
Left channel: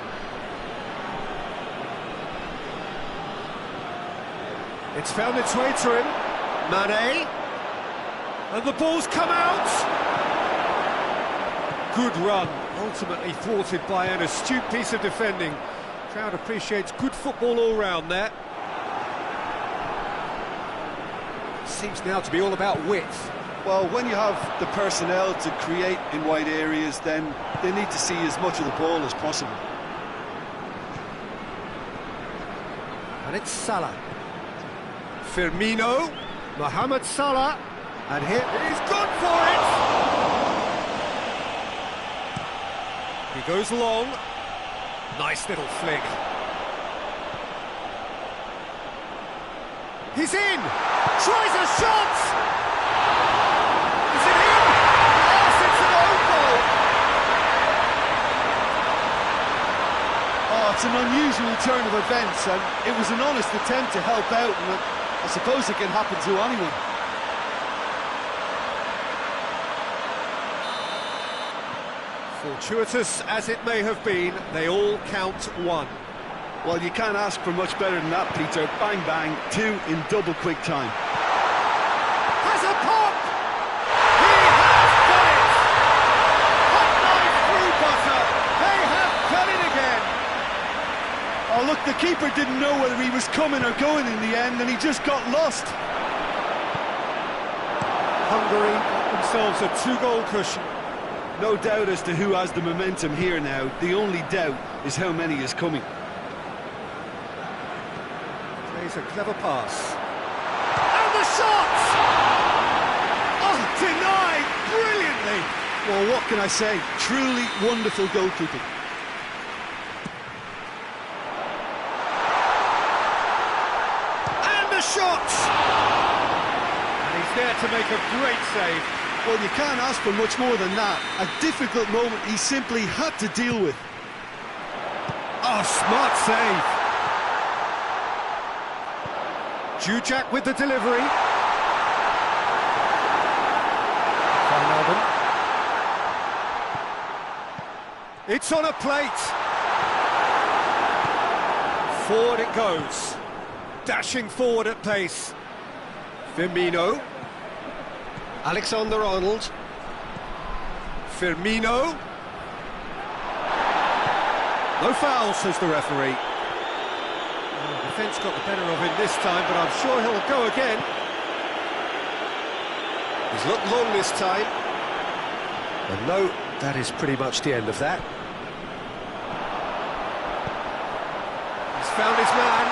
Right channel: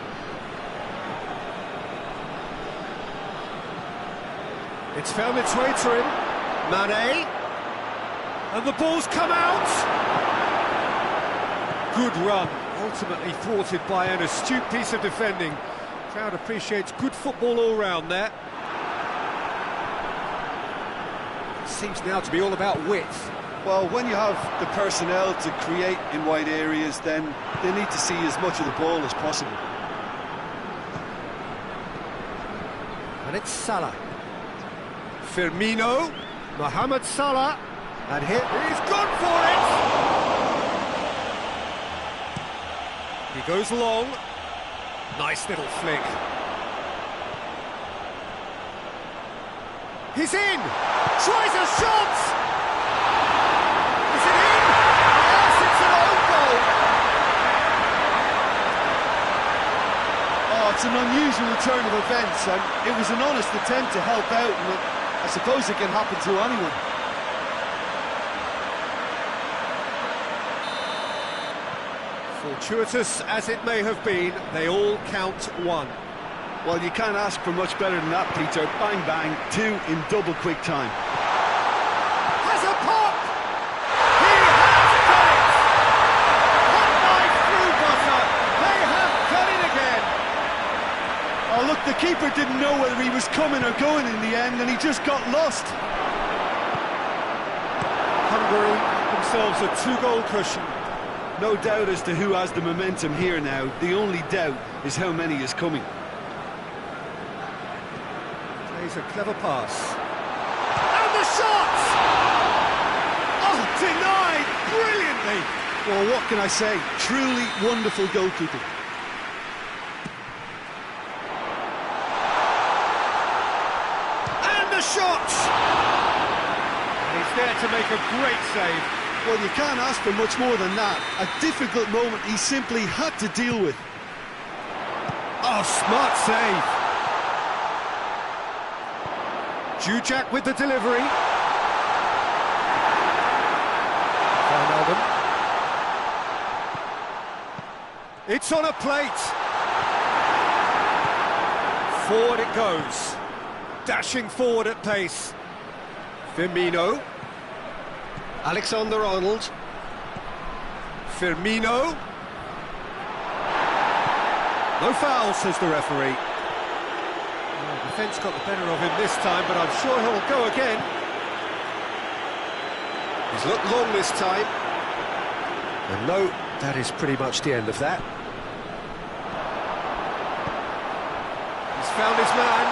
It's found its way to him. Mane. And the ball's come out. Good run, ultimately thwarted by an astute piece of defending. Crowd appreciates good football all round there. Seems now to be all about width. Well, when you have the personnel to create in wide areas, then they need to see as much of the ball as possible. And it's Salah. Firmino, Mohamed Salah, and here he's gone for it! He goes long. Nice little flick. He's in! Tries a shot! Is it in? Yes, it's an own goal! Oh, it's an unusual turn of events, and it was an honest attempt to help out, and I suppose it can happen to anyone. Fortuitous as it may have been, they all count one. Well, you can't ask for much better than that, Peter. Bang, bang, two in double quick time. Has a pop! He has done it! Hot knife through butter! They have done it again! Oh, look, the keeper didn't know whether he was coming or going in the end, and he just got lost. Hungary got themselves a two-goal cushion. No doubt as to who has the momentum here now. The only doubt is how many is coming. Plays a clever pass. And the shot! Oh, denied brilliantly! Well, what can I say? Truly wonderful goalkeeping. And the shot! And he's there to make a great save. Well, you can't ask for much more than that. A difficult moment he simply had to deal with. Oh, smart save. Jujak with the delivery. Wijnaldum. It's on a plate. Forward it goes. Dashing forward at pace. Firmino. Alexander-Arnold. Firmino. No foul, says the referee. Well, defence got the better of him this time, but I'm sure he'll go again. He's looked long this time. And no, that is pretty much the end of that. He's found his man.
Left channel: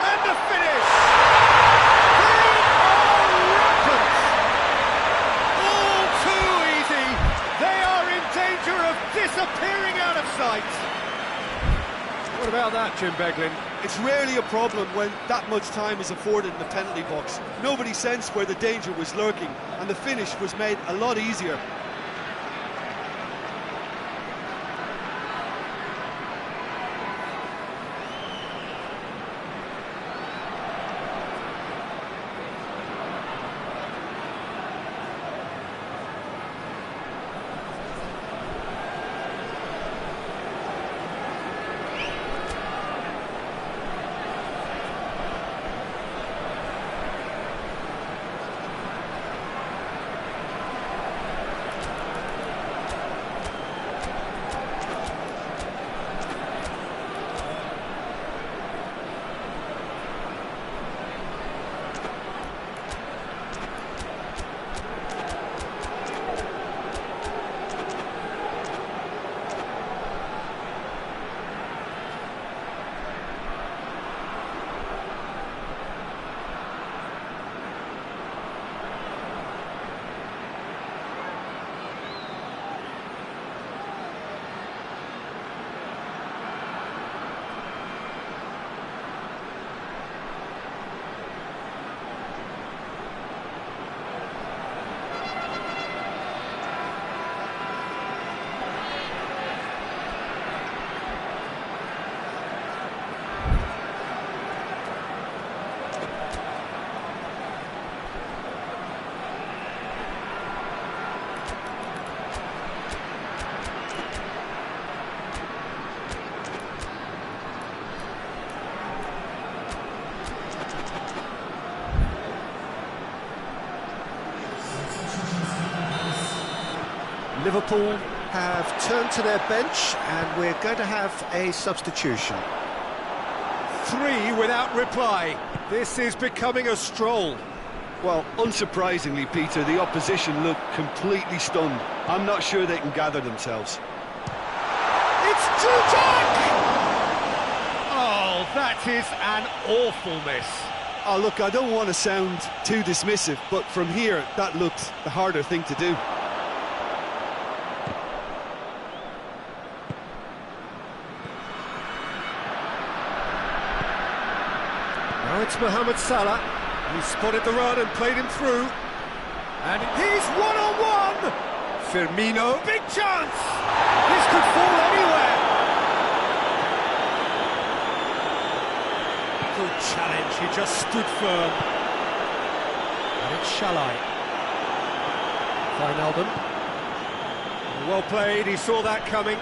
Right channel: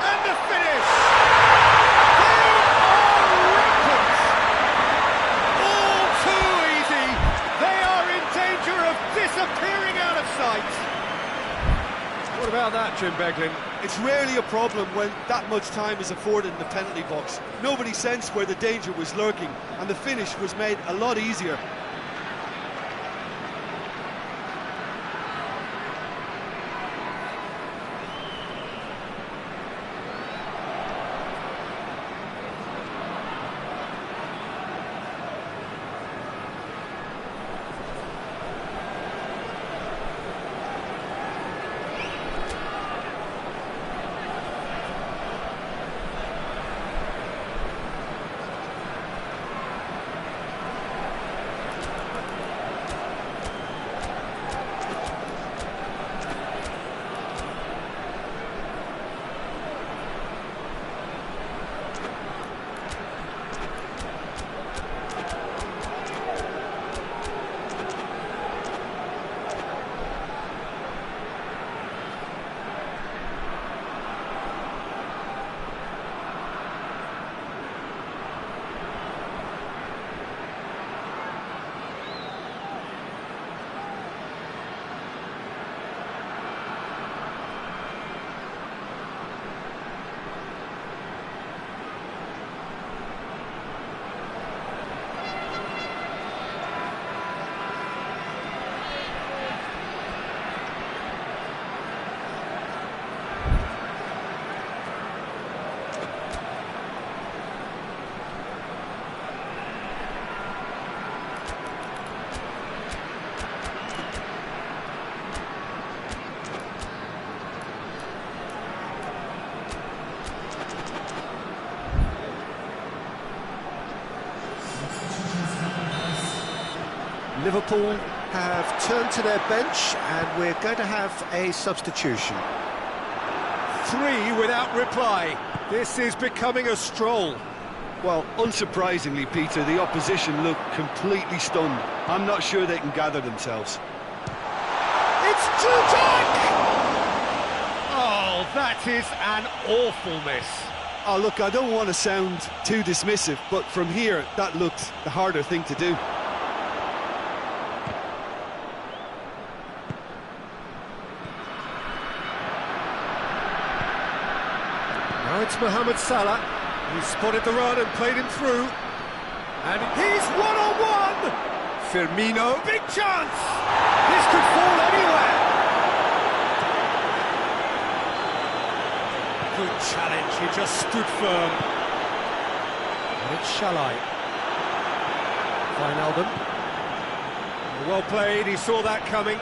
And the finish! They are rampant! disappearing out of sight. What about that, Jim Beglin? It's rarely a problem when that much time is afforded in the penalty box. Nobody sensed where the danger was lurking, and the finish was made a lot easier. Liverpool have turned to their bench and we're going to have a substitution. 3 without reply. This is becoming a stroll. Well, unsurprisingly, Peter, the opposition look completely stunned. I'm not sure they can gather themselves. It's Jutek! Oh, that is an awful miss. Oh, look, I don't want to sound too dismissive, but from here, that looked the harder thing to do. Now it's Mohamed Salah. He's spotted the run and played him through. And he's one-on-one! Firmino, big chance! This could fall anywhere! Good challenge, he just stood firm. And it's Shalai. Wijnaldum. Well played, he saw that coming.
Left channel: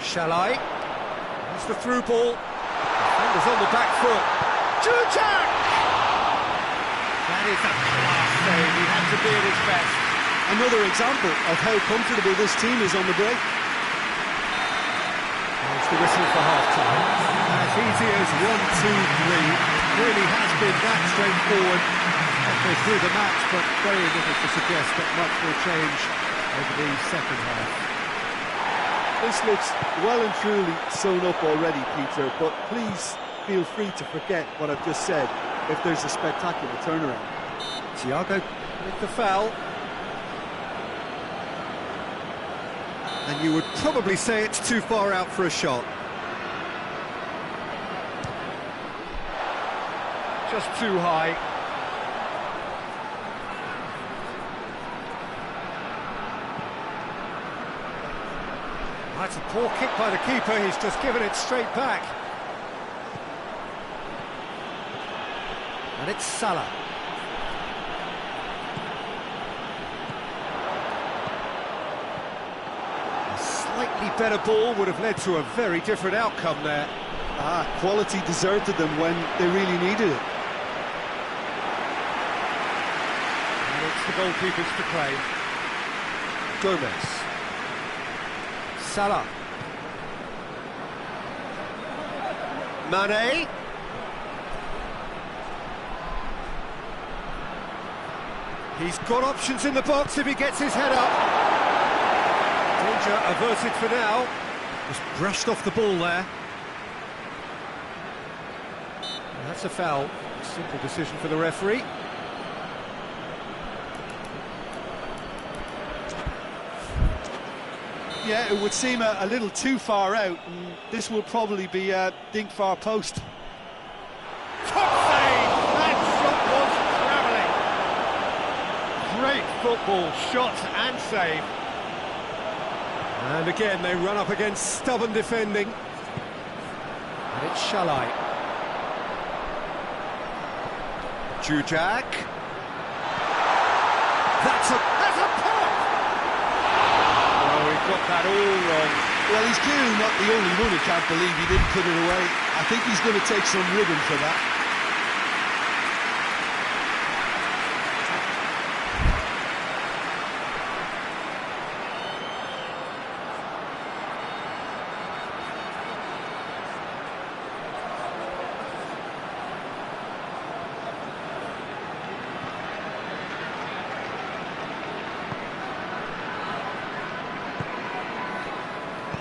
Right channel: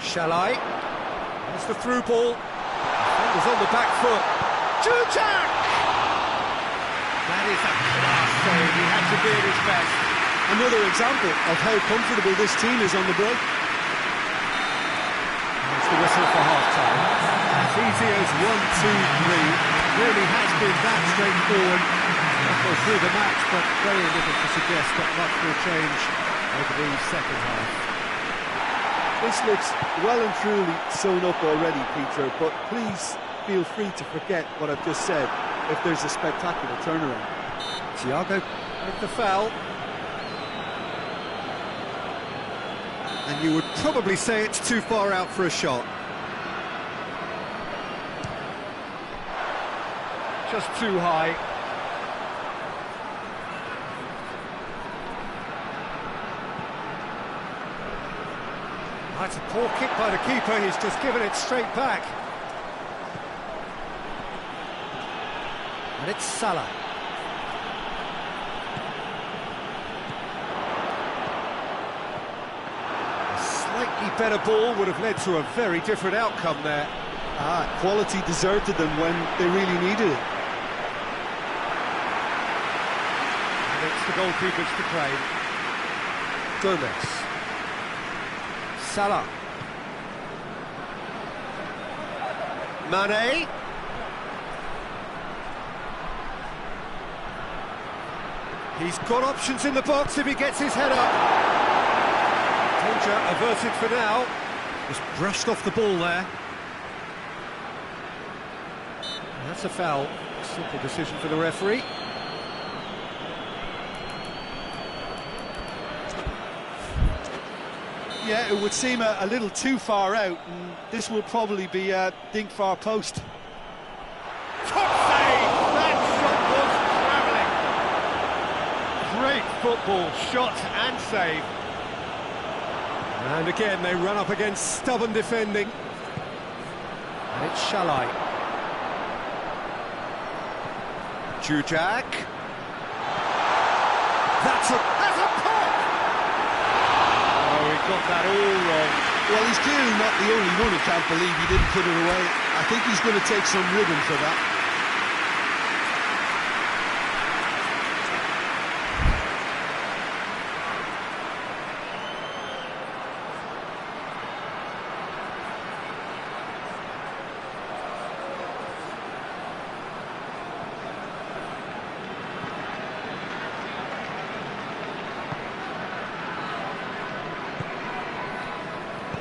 Shalai. There's the through ball. Defender's on the back foot. Jutek! That is a class save. He had to be at his best. Another example of how comfortable this team is on the break. There's the whistle for half-time. As easy as 1, 2, 3. It really has been that straightforward. Halfway through the match, but very little to suggest that much will change over the second half. This looks well and truly sewn up already, Peter, but please feel free to forget what I've just said if there's a spectacular turnaround. Thiago with the foul. And you would probably say it's too far out for a shot. Just too high. That's a poor kick by the keeper, he's just given it straight back. And it's Salah. A slightly better ball would have led to a very different outcome there. Quality deserted them when they really needed it. And it's the goalkeepers to claim. Gomez. Salah. Mane. He's got options in the box if he gets his head up. Danger averted for now. Just brushed off the ball there. And that's a foul. Simple decision for the referee. Yeah, it would seem a little too far out, and this will probably be a dink far post. Top save! That shot was travelling. Great football, shot and save. And again, they run up against stubborn defending. And it's Shalai. Jujak. That's a pop! Oh, he got that all wrong. Well, he's clearly not the only one who can't believe he didn't put it away. I think he's going to take some ribbon for that.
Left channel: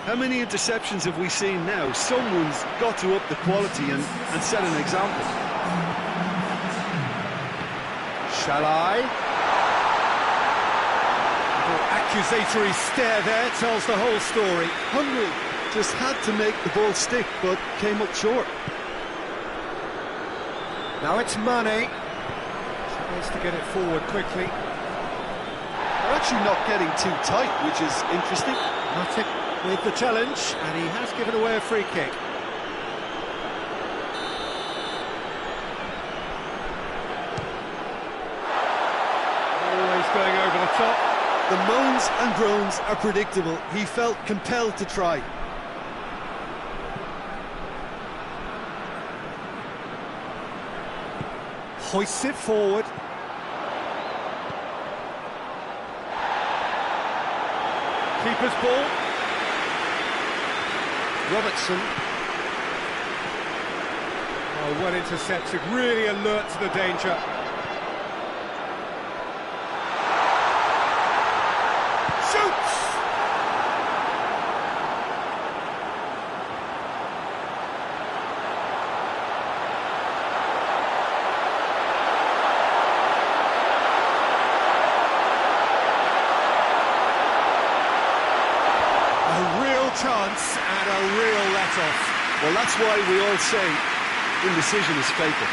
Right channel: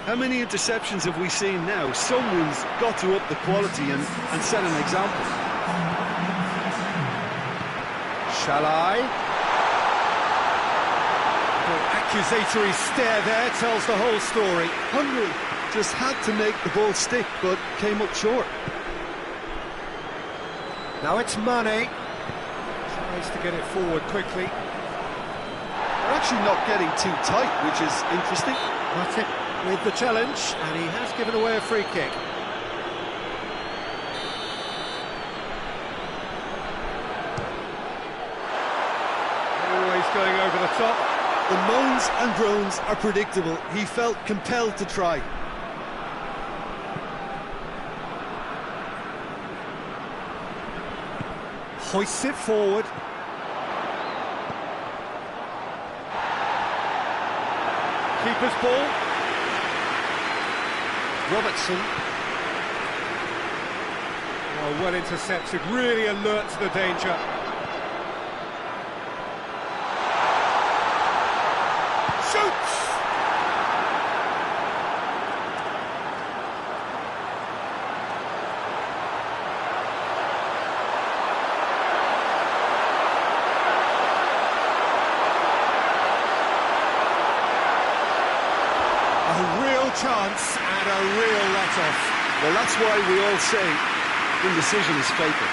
How many interceptions have we seen now? Someone's got to up the quality and set an example. Shalai. Little accusatory stare there tells the whole story. Hungary just had to make the ball stick, but came up short. Now it's Mane. Tries to get it forward quickly. They're actually not getting too tight, which is interesting. Matic with the challenge, and he has given away a free kick. Always going over the top. The moans and groans are predictable. He felt compelled to try. Hoists it forward. Keeper's ball. Robertson. Oh, well intercepted, really alert to the danger. Shoots! A real chance and a real let-off. Well, that's why we all say indecision is fatal.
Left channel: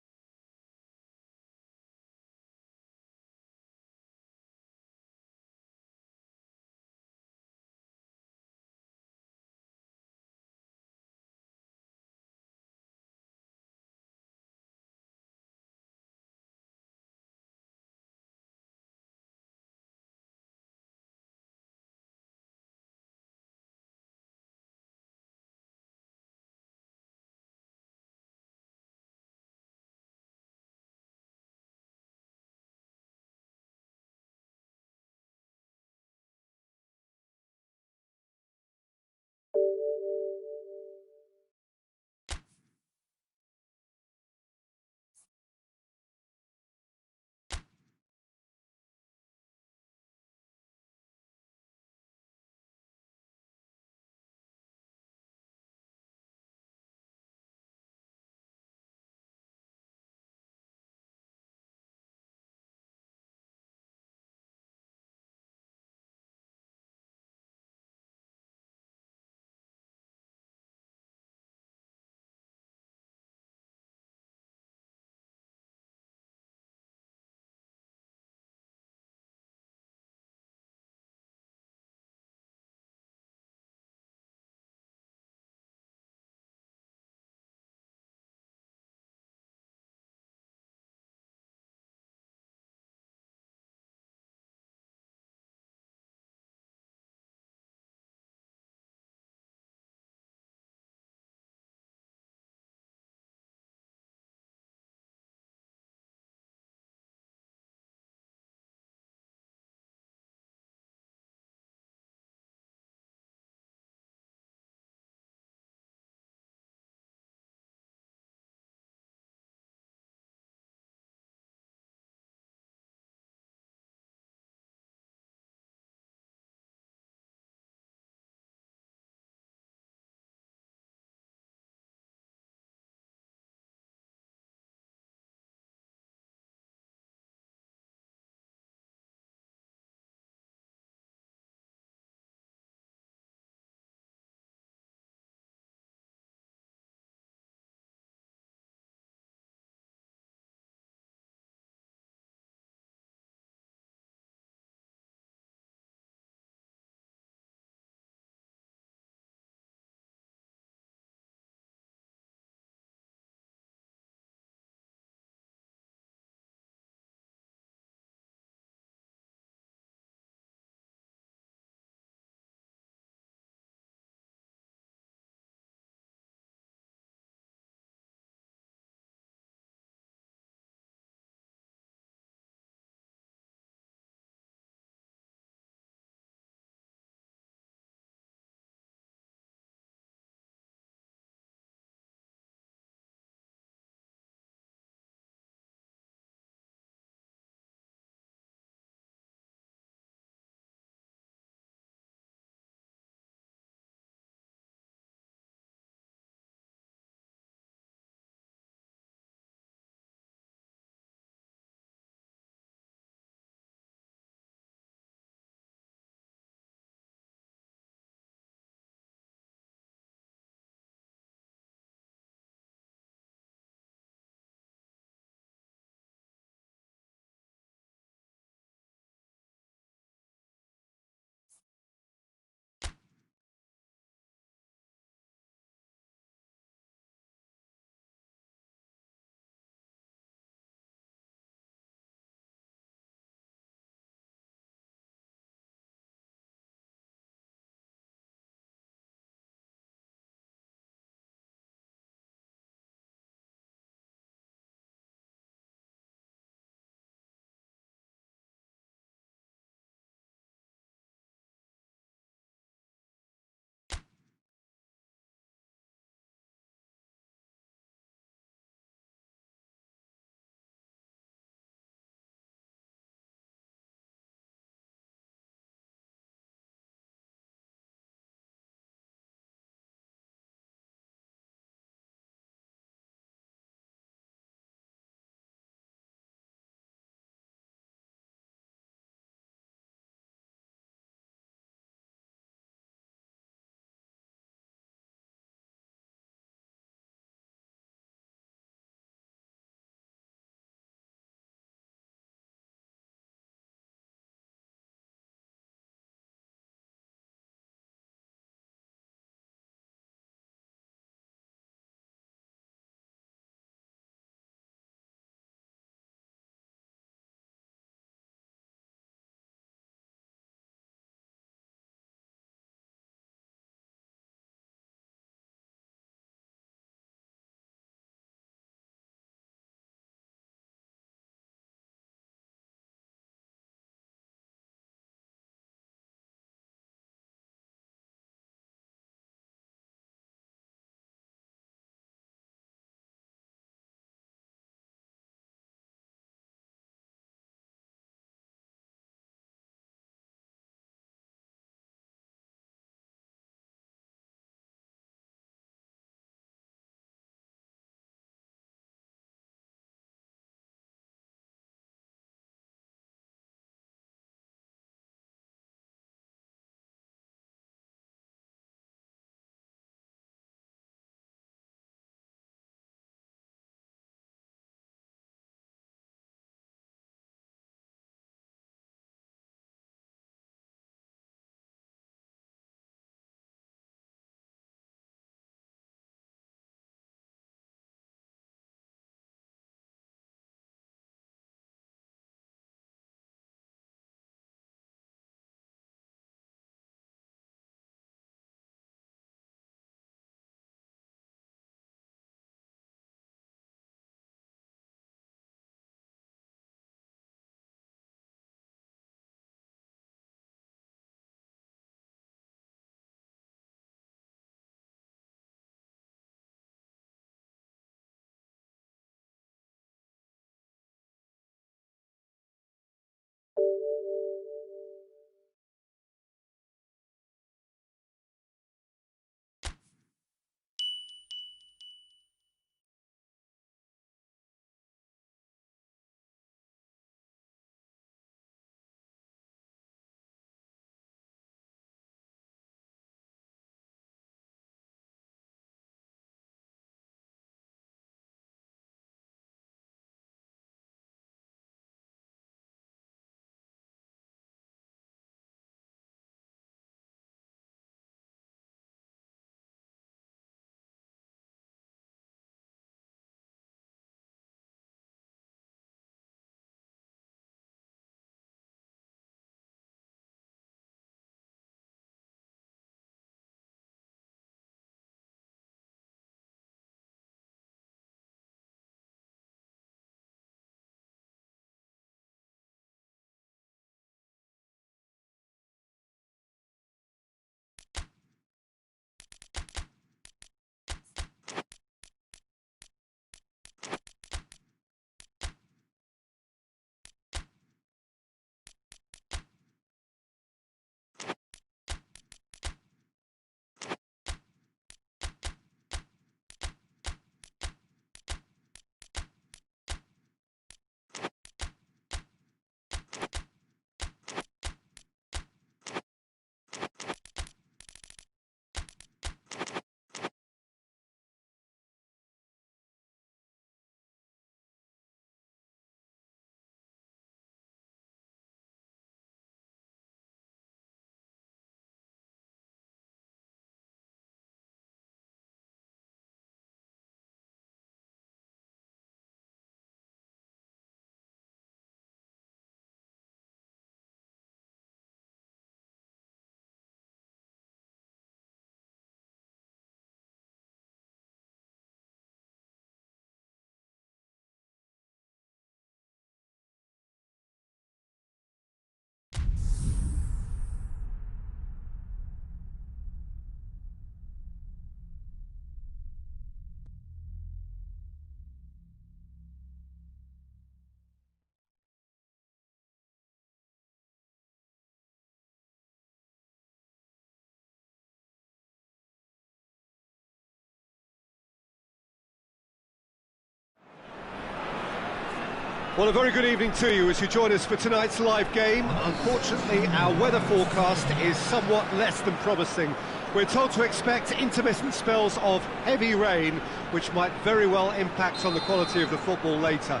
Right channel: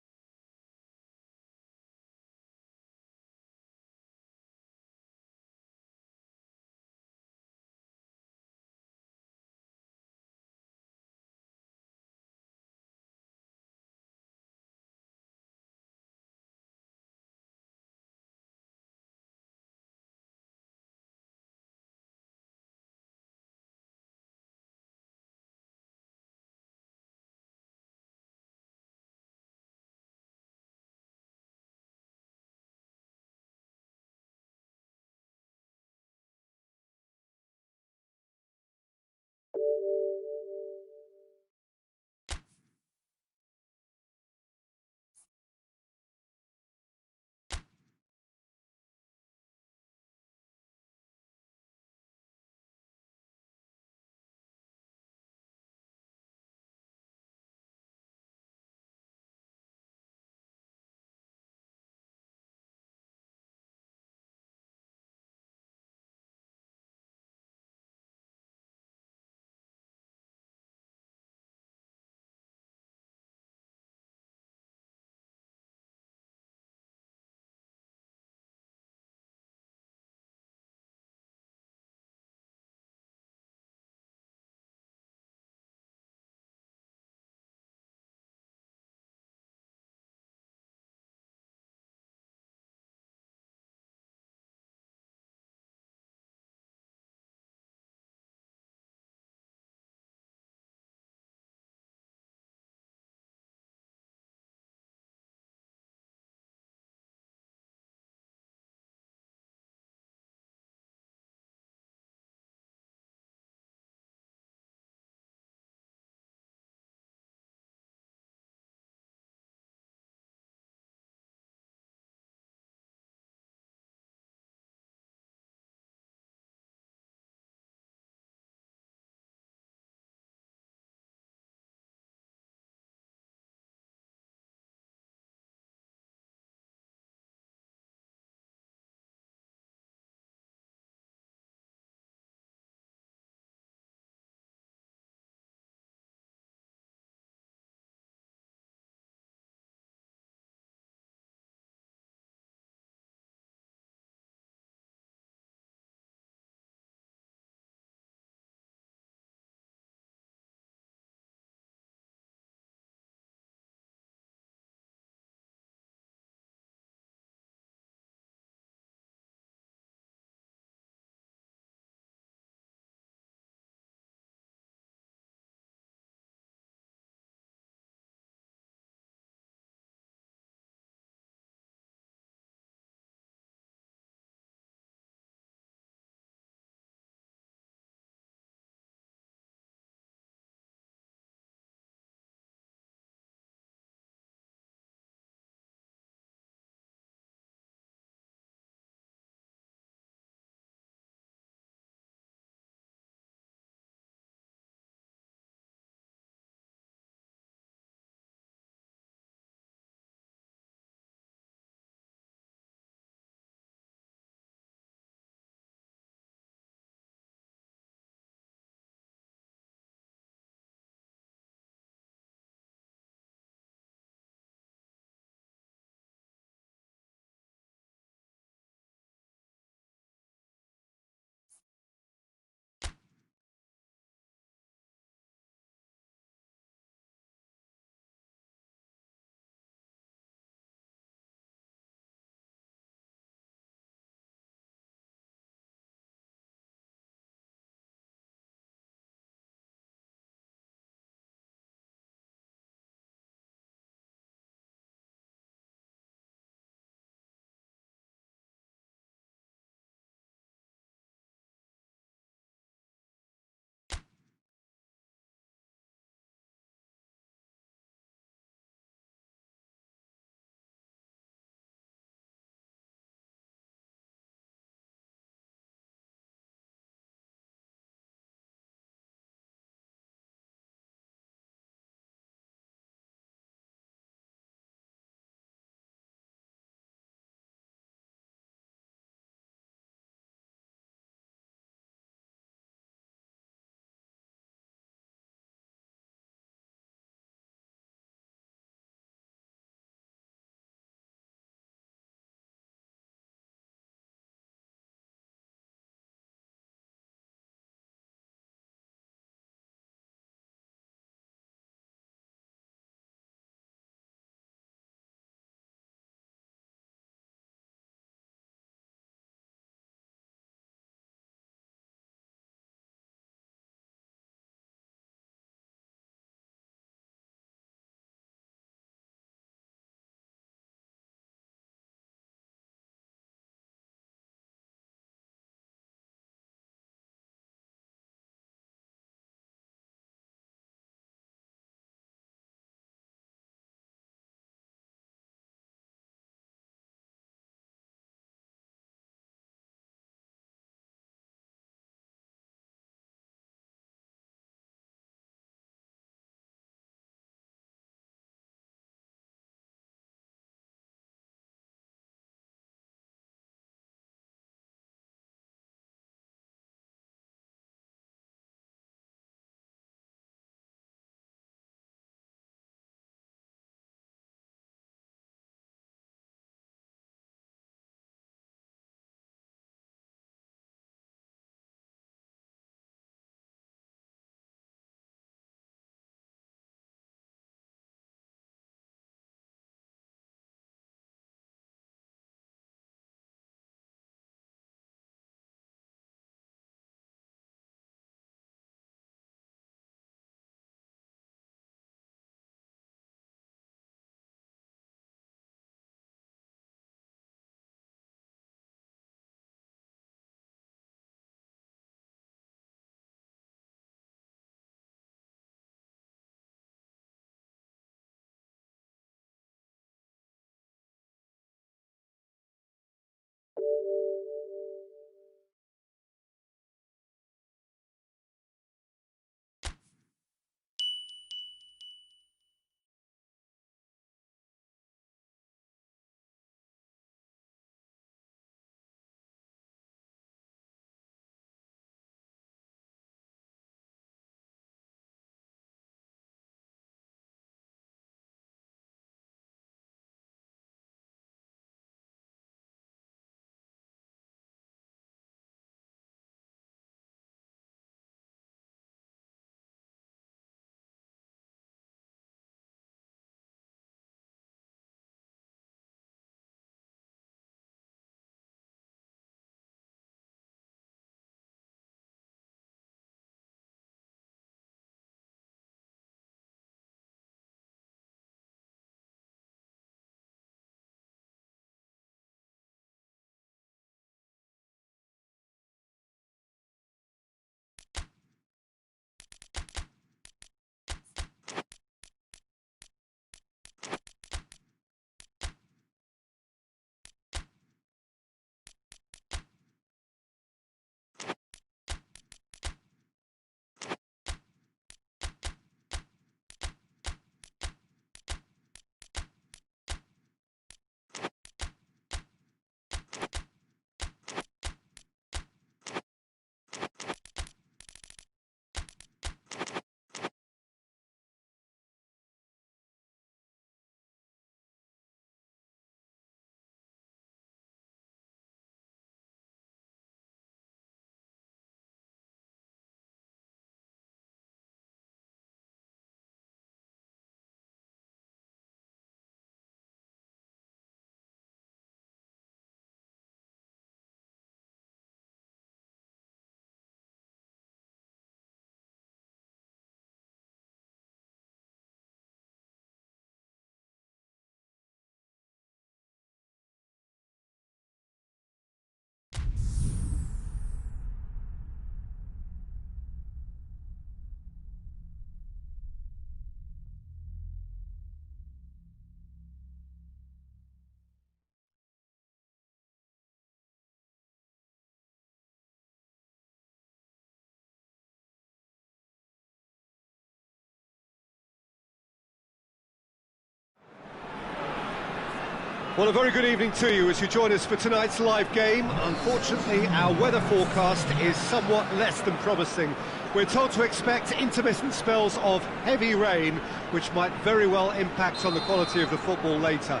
Well, a very good evening to you as you join us for tonight's live game. Unfortunately, our weather forecast is somewhat less than promising. We're told to expect intermittent spells of heavy rain, which might very well impact on the quality of the football later.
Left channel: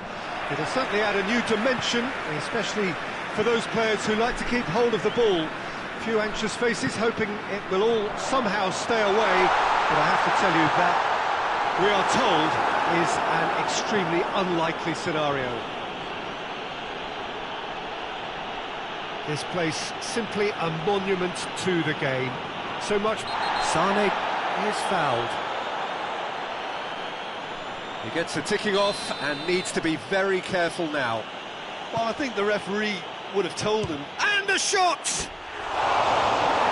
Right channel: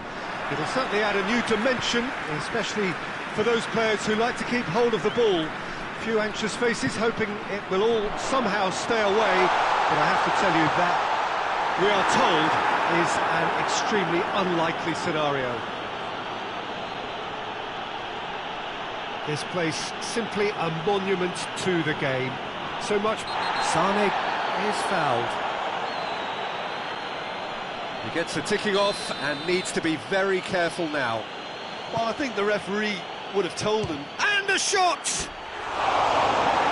It'll certainly add a new dimension, especially for those players who like to keep hold of the ball. A few anxious faces hoping it will all somehow stay away, but I have to tell you that we are told is an extremely unlikely scenario. This place simply a monument to the game. So much. Sane is fouled. He gets the ticking off and needs to be very careful now. Well, I think the referee would have told him. And a shot!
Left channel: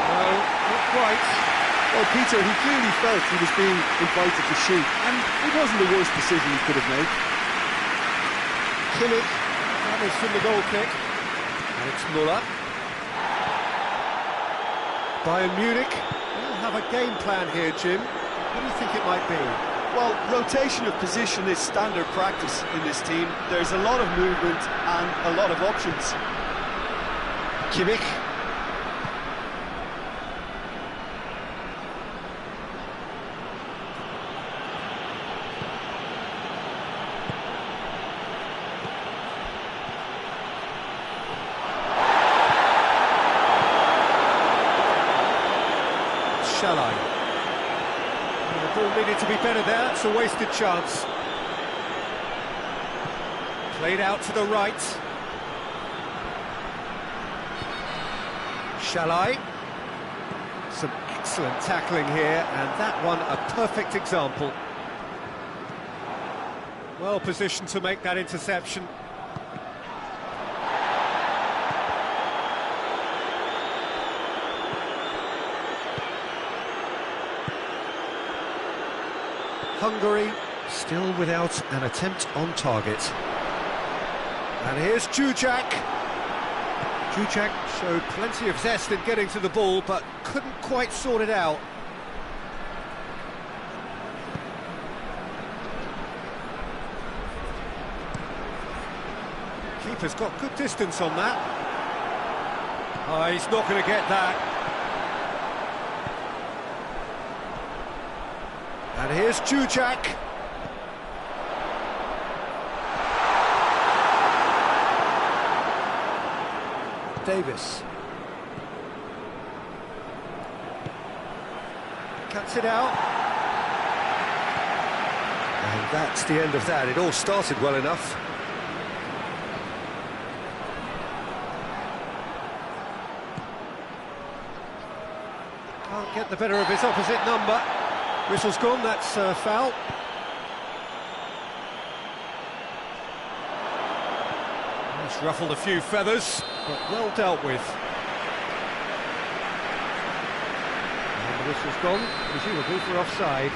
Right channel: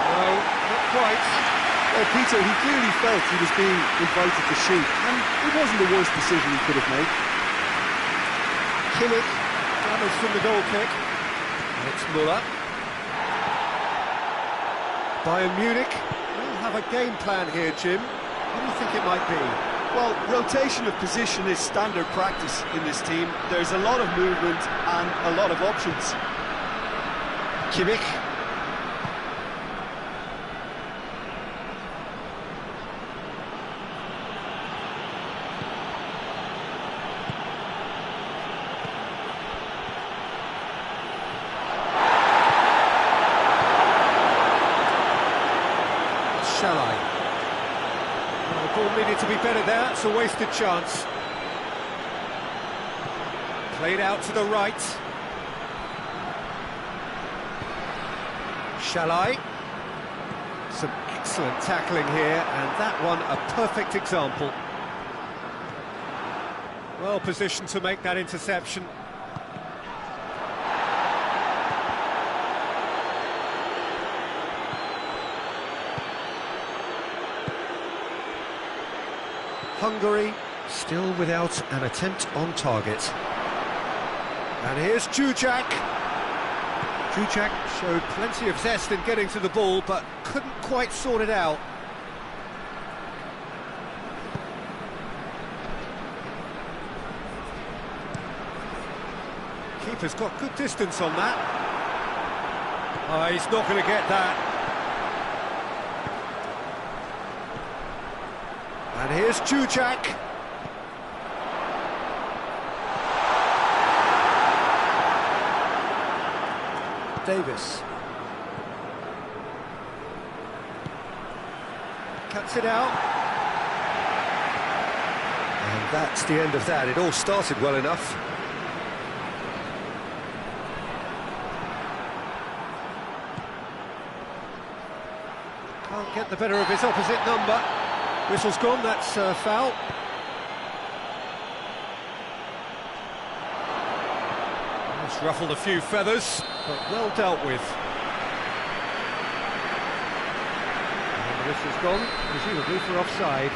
No, not quite. Well, Peter, he clearly felt he was being invited to shoot, and it wasn't the worst decision he could have made. Kimmich gathers from the goal kick. And it's Müller. Bayern Munich will have a game plan here, Jim. What do you think it might be? Well, rotation of position is standard practice in this team. There's a lot of movement and a lot of options. Kimmich. Shalai. Well, the ball needed to be better there, it's a wasted chance. Played out to the right. Shalai. Some excellent tackling here, and that one a perfect example. Well positioned to make that interception. Hungary still without an attempt on target. And here's Jujak. Jujak showed plenty of zest in getting to the ball, but couldn't quite sort it out. Keeper's got good distance on that. Oh, he's not going to get that. And here's Jujak. Davis. Cuts it out. And that's the end of that. It all started well enough. Can't get the better of his opposite number. Whistle's gone, that's a foul. That's ruffled a few feathers, but well dealt with. And the whistle's gone, presumably for offside.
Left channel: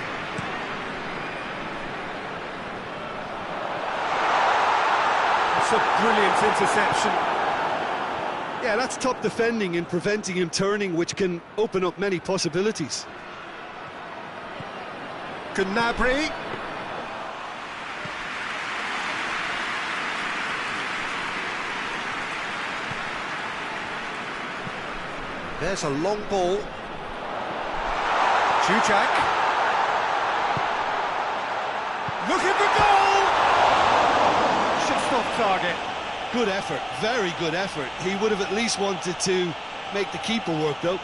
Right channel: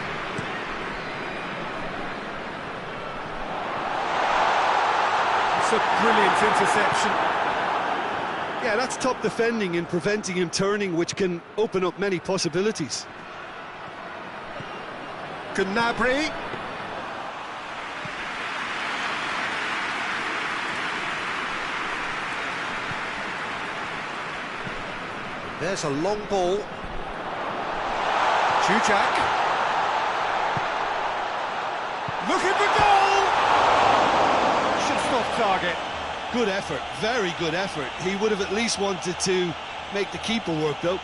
It's a brilliant interception. Yeah, that's top defending and preventing him turning, which can open up many possibilities. Gnabry. There's a long ball. Jujak. Look at the goal! Just off target. Good effort, very good effort. He would have at least wanted to make the keeper work, though.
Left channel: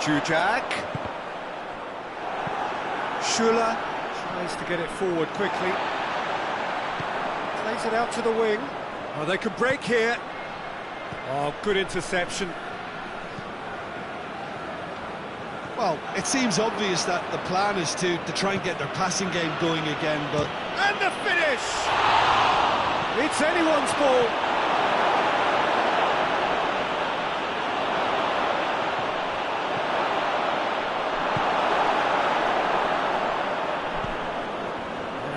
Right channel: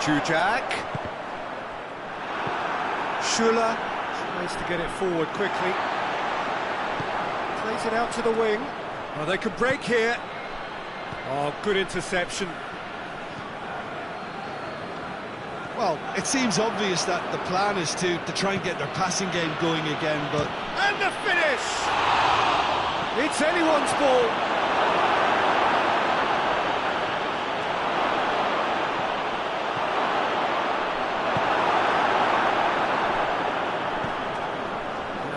Jujak. Schuller tries to get it forward quickly. Plays it out to the wing. Oh, they can break here. Oh, good interception. Well, it seems obvious that the plan is to try and get their passing game going again, but... And the finish! It's anyone's ball.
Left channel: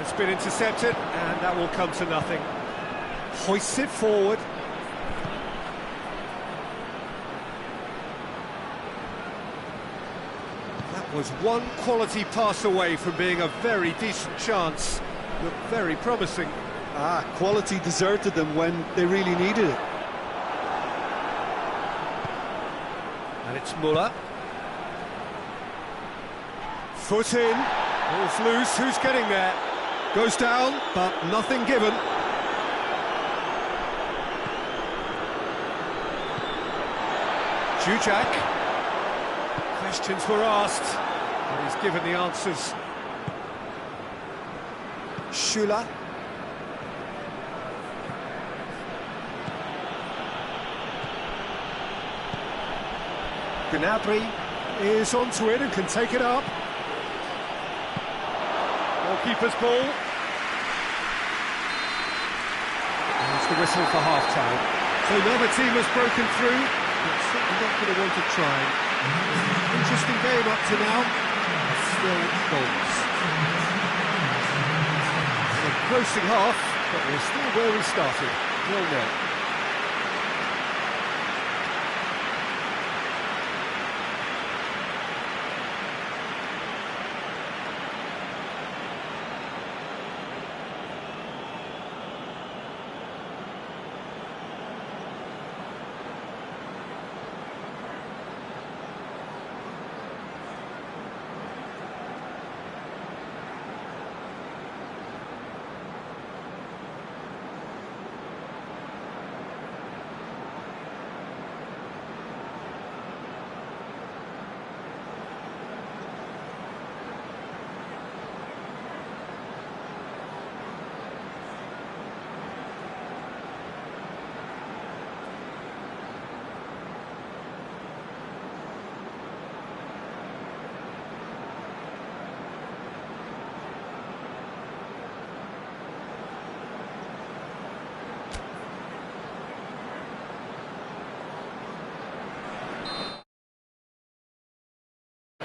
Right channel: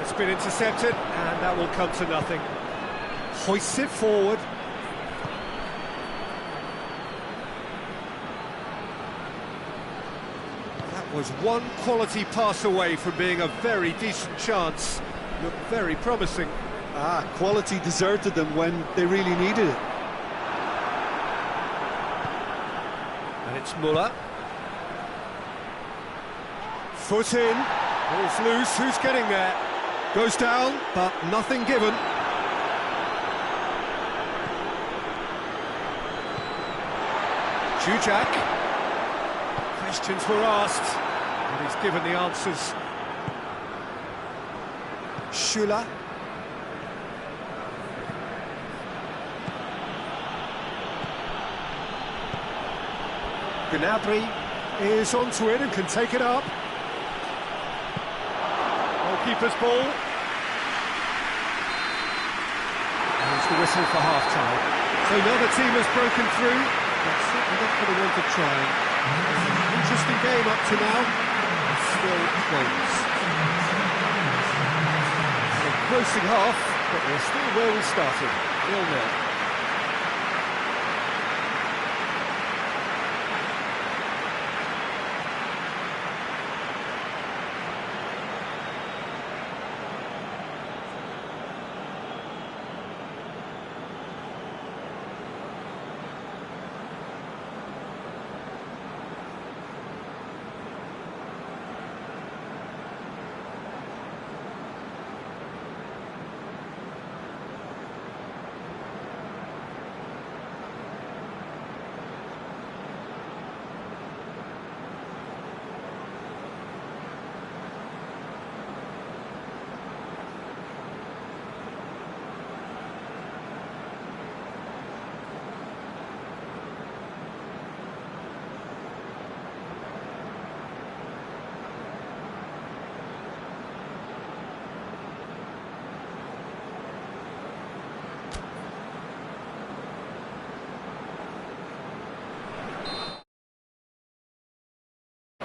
It's been intercepted, and that will come to nothing. Hoists it forward. That Was one quality pass away from being a very decent chance. Looked very promising. Quality deserted them when they really needed it. And it's Muller. Foot in, ball's loose, who's getting there? Goes down, but nothing given. Jujak. Questions were asked, but he's given the answers. Schüller. Gnabry is onto it and can take it up. Goalkeeper's ball. There's the whistle for half-time. So another team has broken through, but certainly not going to want to try. It's an interesting game up to now, and still goals. And a closing half, but we're still where we started, 0-0.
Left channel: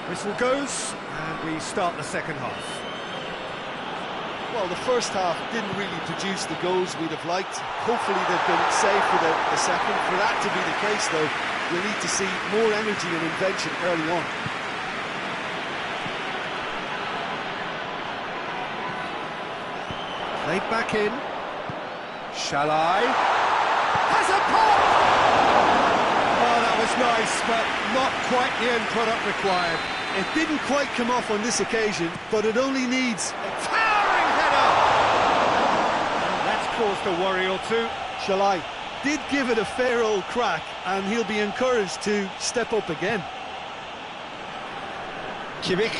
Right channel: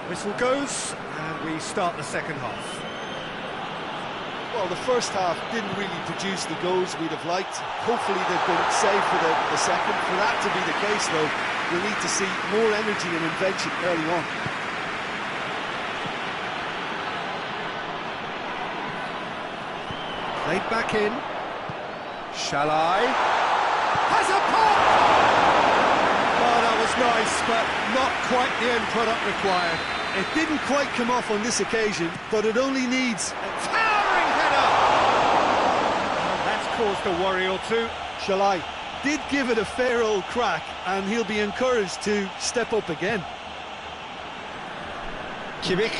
Whistle goes, and we start the second half. Well, the first half didn't really produce the goals we'd have liked. Hopefully they've been saved for the second. For that to be the case, though, we'll need to see more energy and invention early on. Played back in. Shall I? Has a pop! Oh, that was nice, but not quite the end product required. It didn't quite come off on this occasion, but it only needs a towering header! And that's caused a worry or two. Shalai did give it a fair old crack, and he'll be encouraged to step up again. Kimmich.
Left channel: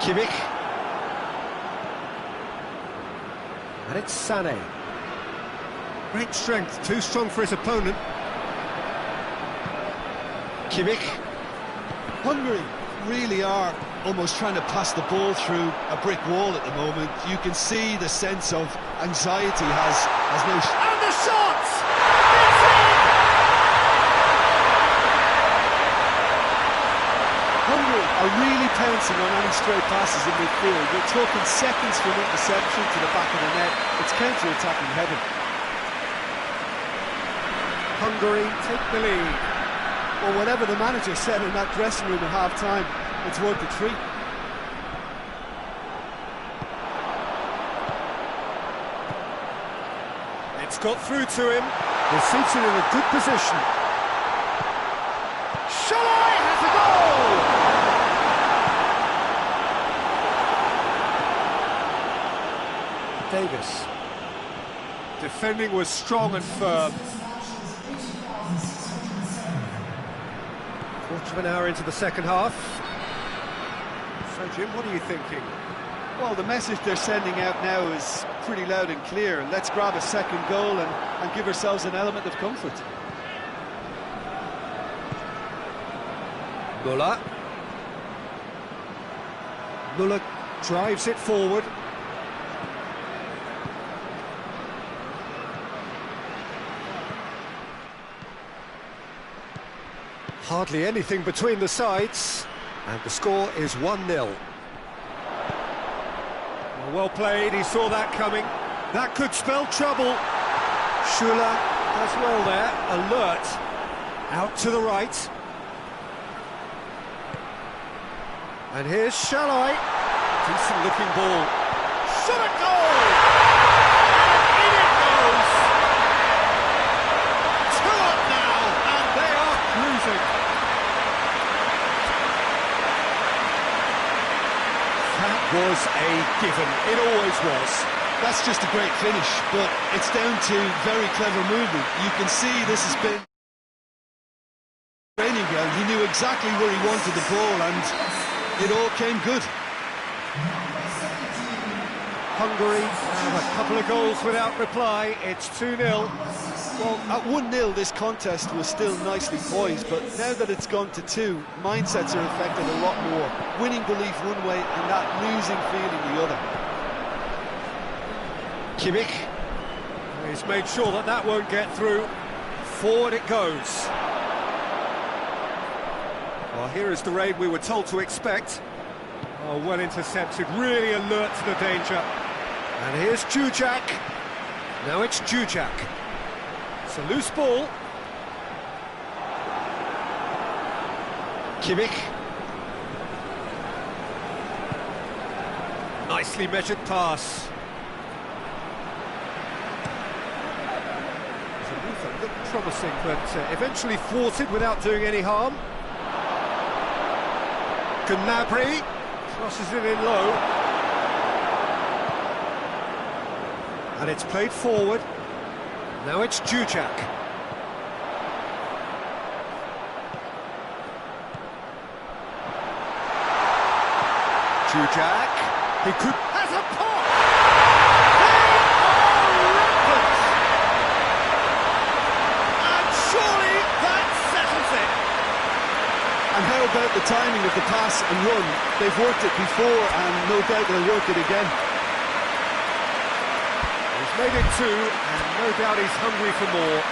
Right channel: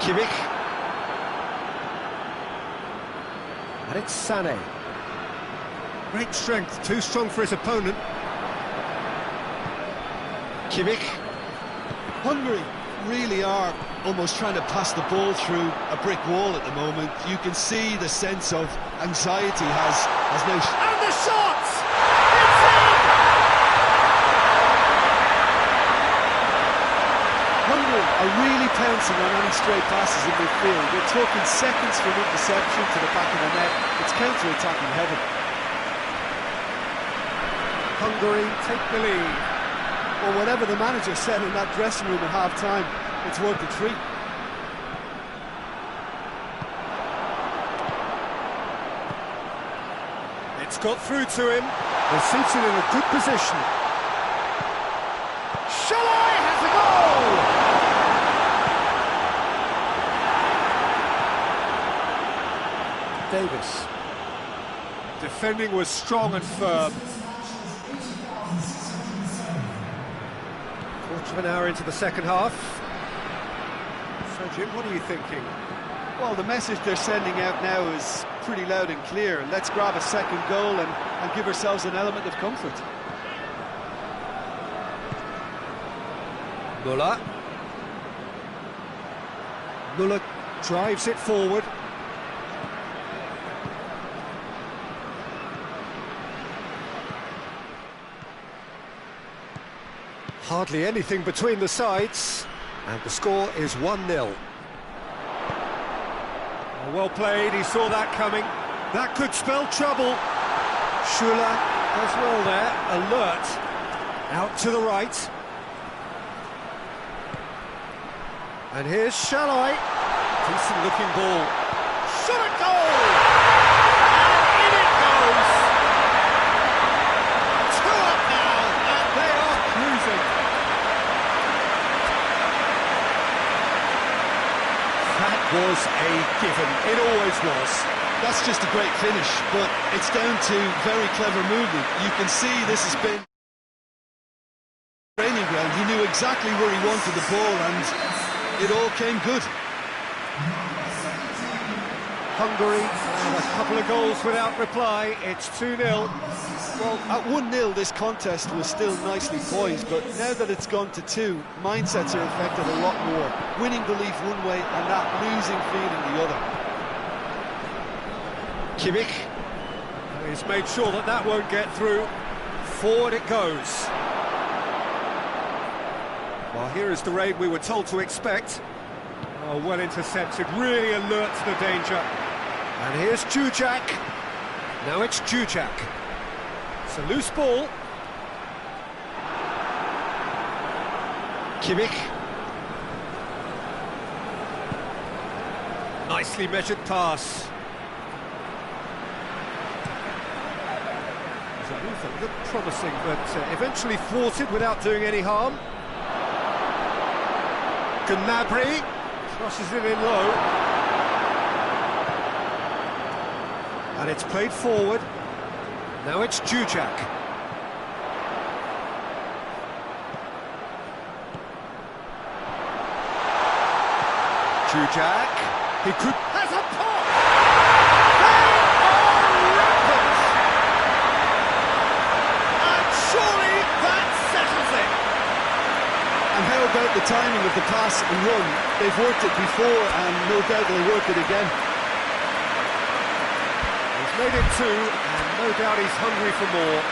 Kimmich. And it's Sané. Great strength, too strong for his opponent. Kimmich. Hungary really are almost trying to pass the ball through a brick wall at the moment. You can see the sense of anxiety has now... And the shot! It's in! Hungary are really pouncing on any stray passes in midfield. We're talking seconds from interception to the back of the net. It's counter-attacking heaven. Hungary take the lead. Well, whatever the manager said in that dressing room at half-time, it's worth the treat. It's got through to him. He seats it in a good position. Shalai has a goal! Davis. Defending was strong and firm. Quarter of an hour into the second half. So, Jim, what are you thinking? Well, the message they're sending out now is pretty loud and clear. Let's grab a second goal and give ourselves an element of comfort. Muller. Muller drives it forward. Hardly anything between the sides. And the score is 1-0. Well played, he saw that coming. That could spell trouble. Schüller does well there, alert. Out to the right. And here's Shalai. Decent looking ball. Shot at goal! And in it goes! 2 up now, and they are cruising. That was a given, it always was. That's just a great finish, but it's down to very clever movement. You can see this has been training ground. He knew exactly where he wanted the ball, and it all came good. Hungary have a couple of goals without reply. It's 2-0. Well, at 1-0 this contest was still nicely poised, but now that it's gone to 2, mindsets are affected a lot more. Winning belief one way and that losing feeling the other. Kimmich has made sure that that won't get through. Forward it goes. Well, here is the raid we were told to expect. Oh, well intercepted, really alert to the danger. And here's Jujak. Now it's Jujak. It's a loose ball. Kimmich. Nicely measured pass. There's a move that looked promising, but eventually thwarted without doing any harm. Gnabry crosses it in low. And it's played forward. Now it's Jujak. Jujak. He could... has a pop! They are rampant! And surely that settles it! And how about the timing of the pass and run? They've worked it before, and no doubt they'll work it again. He's made it 2, and no doubt he's hungry for more.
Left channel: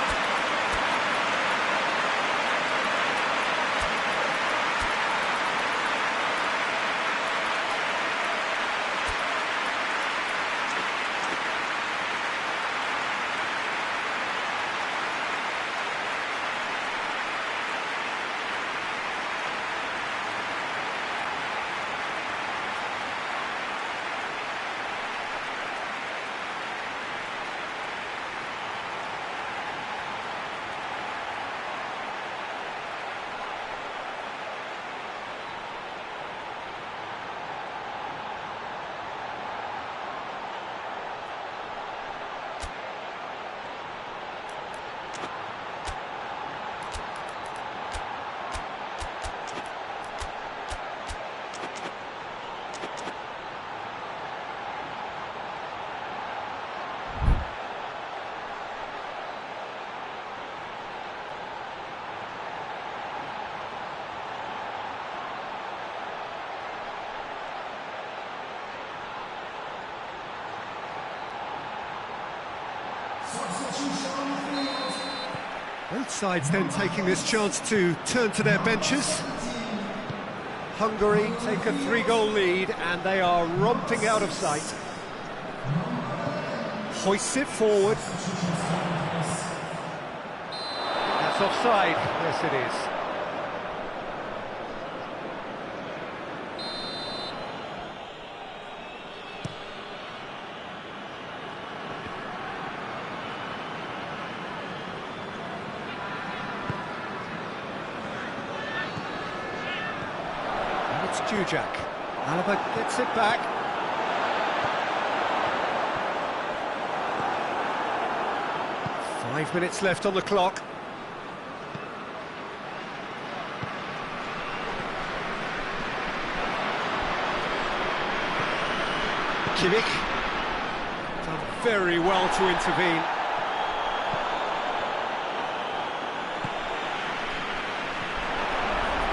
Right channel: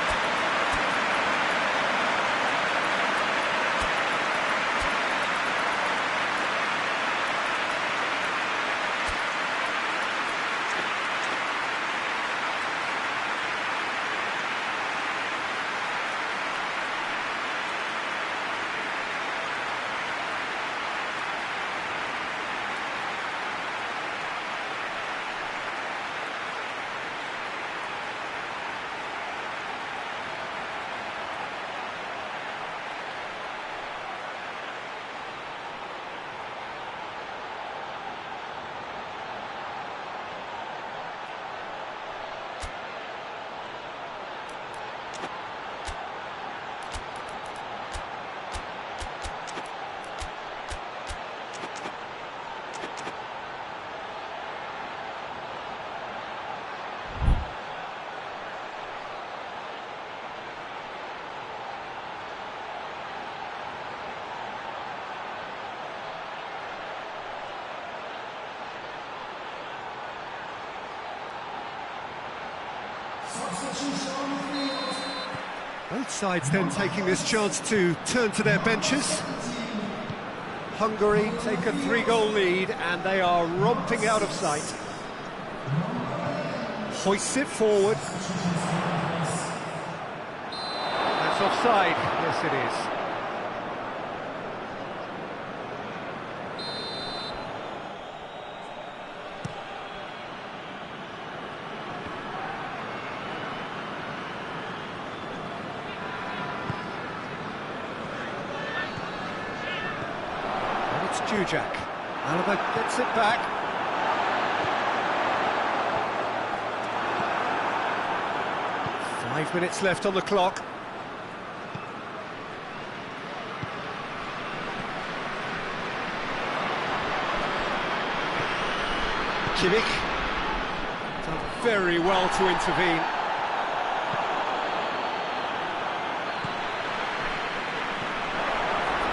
Both sides then taking this chance to turn to their benches. Hungary take a 3-goal lead and they are romping out of sight. Hoists it forward. That's offside. Yes, it is. It's Jujak. Alaba gets it back. Five minutes left on the clock. Kimmich. Done very well to intervene.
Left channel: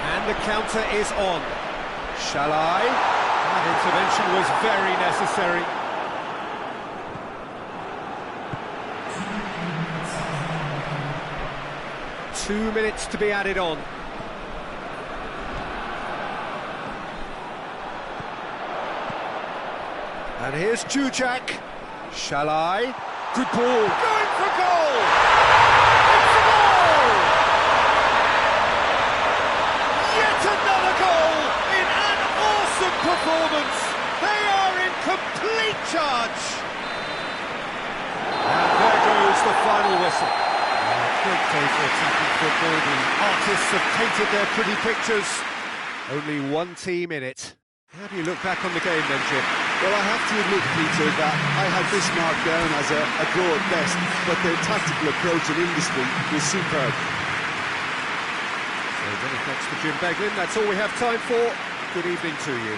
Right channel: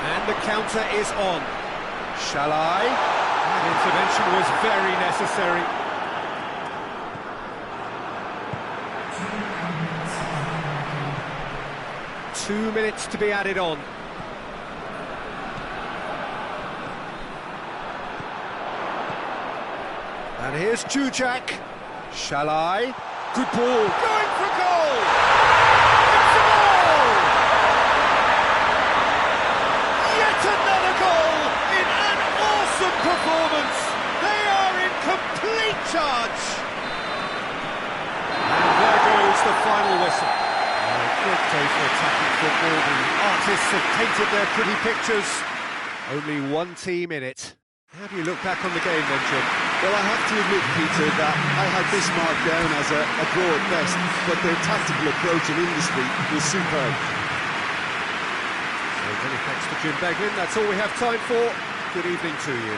And the counter is on. Shalai. That intervention was very necessary. And here's Jujak. Shall I? Good ball. Going for goal! It's a goal! Yet another goal in an awesome performance. They are in complete charge. And there goes the final whistle. Great day for attacking football. The artists have painted their pretty pictures. Only one team in it. How do you look back on the game then, Jim? Well, I have to admit, Peter, that I had this marked down as a draw at best, but their tactical approach and industry was superb. So many thanks to Jim Beglin. That's all we have time for. Good evening to you.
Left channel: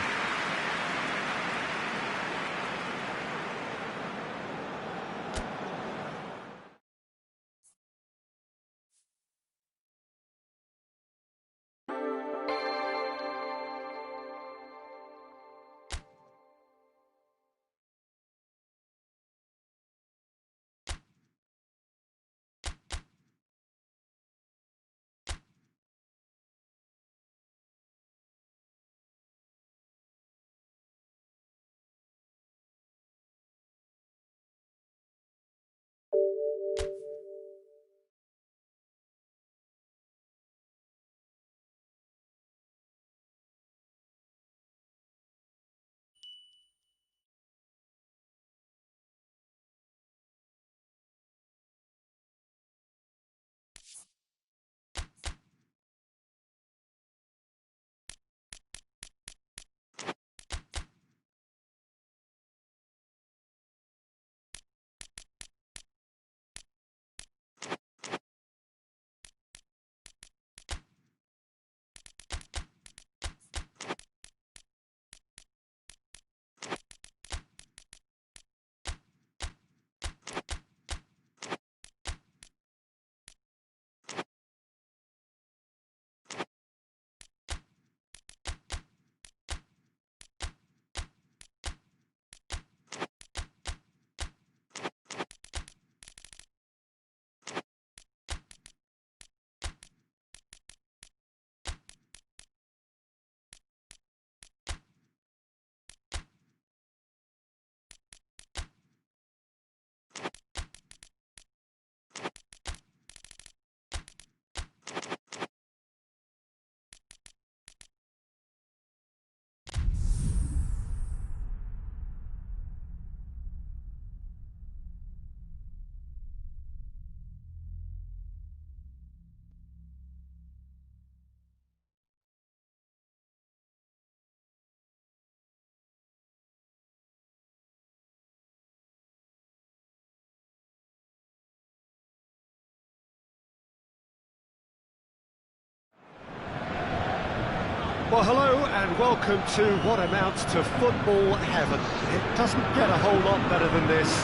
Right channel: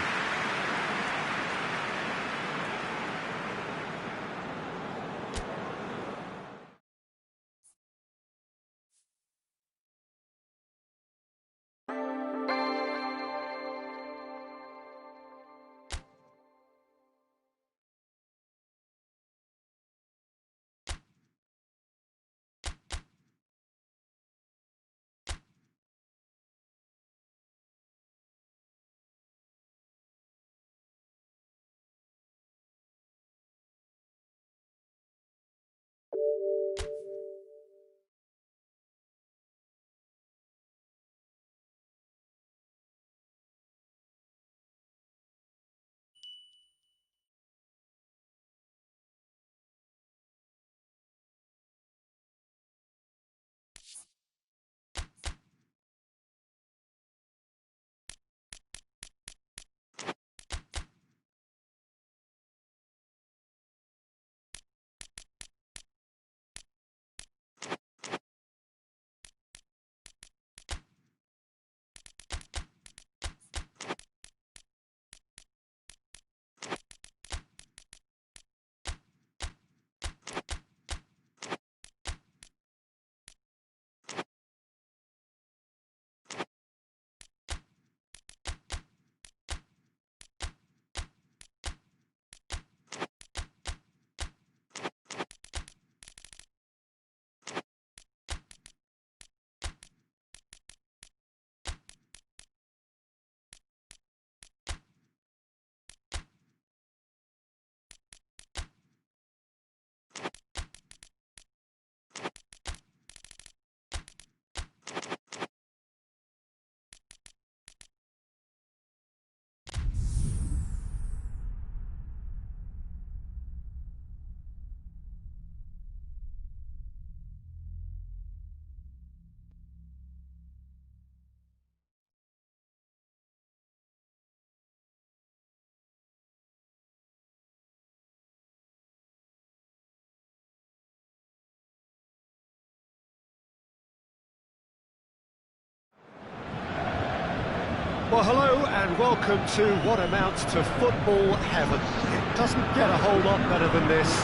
Well, hello and welcome to what amounts to football heaven. It doesn't get a whole lot better than this.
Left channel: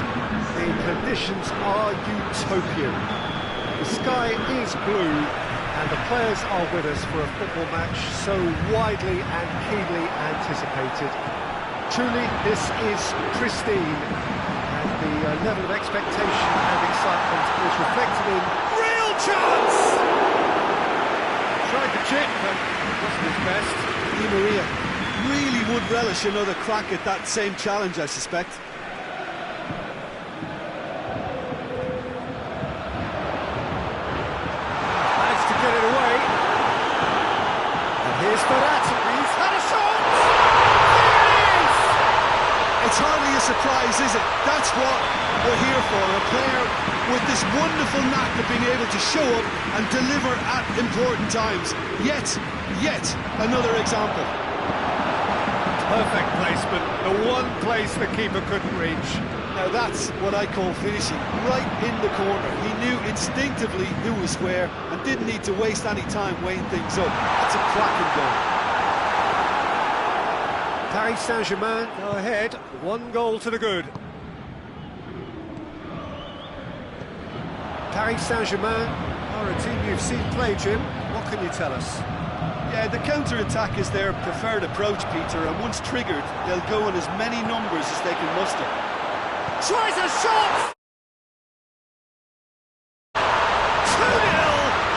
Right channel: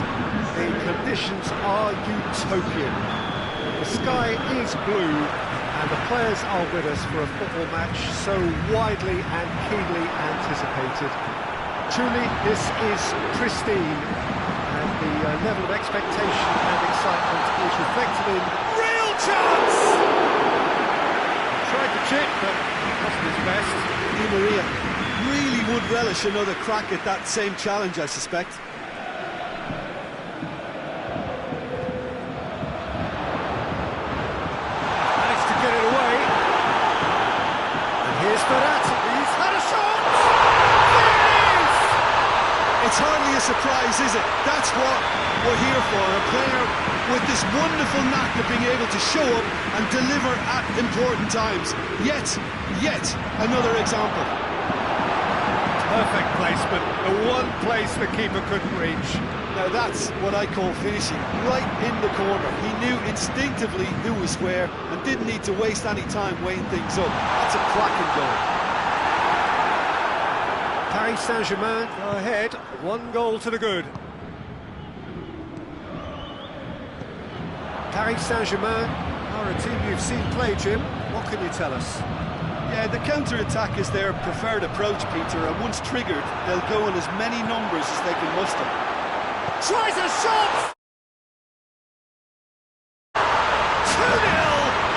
The conditions are utopian. The sky is blue and the players are with us for a football match so widely and keenly anticipated. Truly, this is pristine and the level of expectation and excitement is reflected in real chance! Tried the chip, but it wasn't his best. Di Maria really would relish another crack at that same challenge, I suspect. Managed to get it away. And here's Ferrat. He's had a shot! There it is! It's hardly a surprise, is it? That's what we're here for. A player with this wonderful knack of being able to show up and deliver at important times. Yet another example. Perfect placement, the one place the keeper couldn't reach. Now that's what I call finishing, right in the corner. He knew instinctively who was where and didn't need to waste any time weighing things up. That's a cracking goal. Paris Saint-Germain go ahead, 1 goal to the good. Paris Saint-Germain are a team you've seen play, Jim. What can you tell us? Yeah, the counter-attack is their preferred approach, Peter, and once triggered, they'll go in as many numbers as they can muster. Tries a shot! 2-0,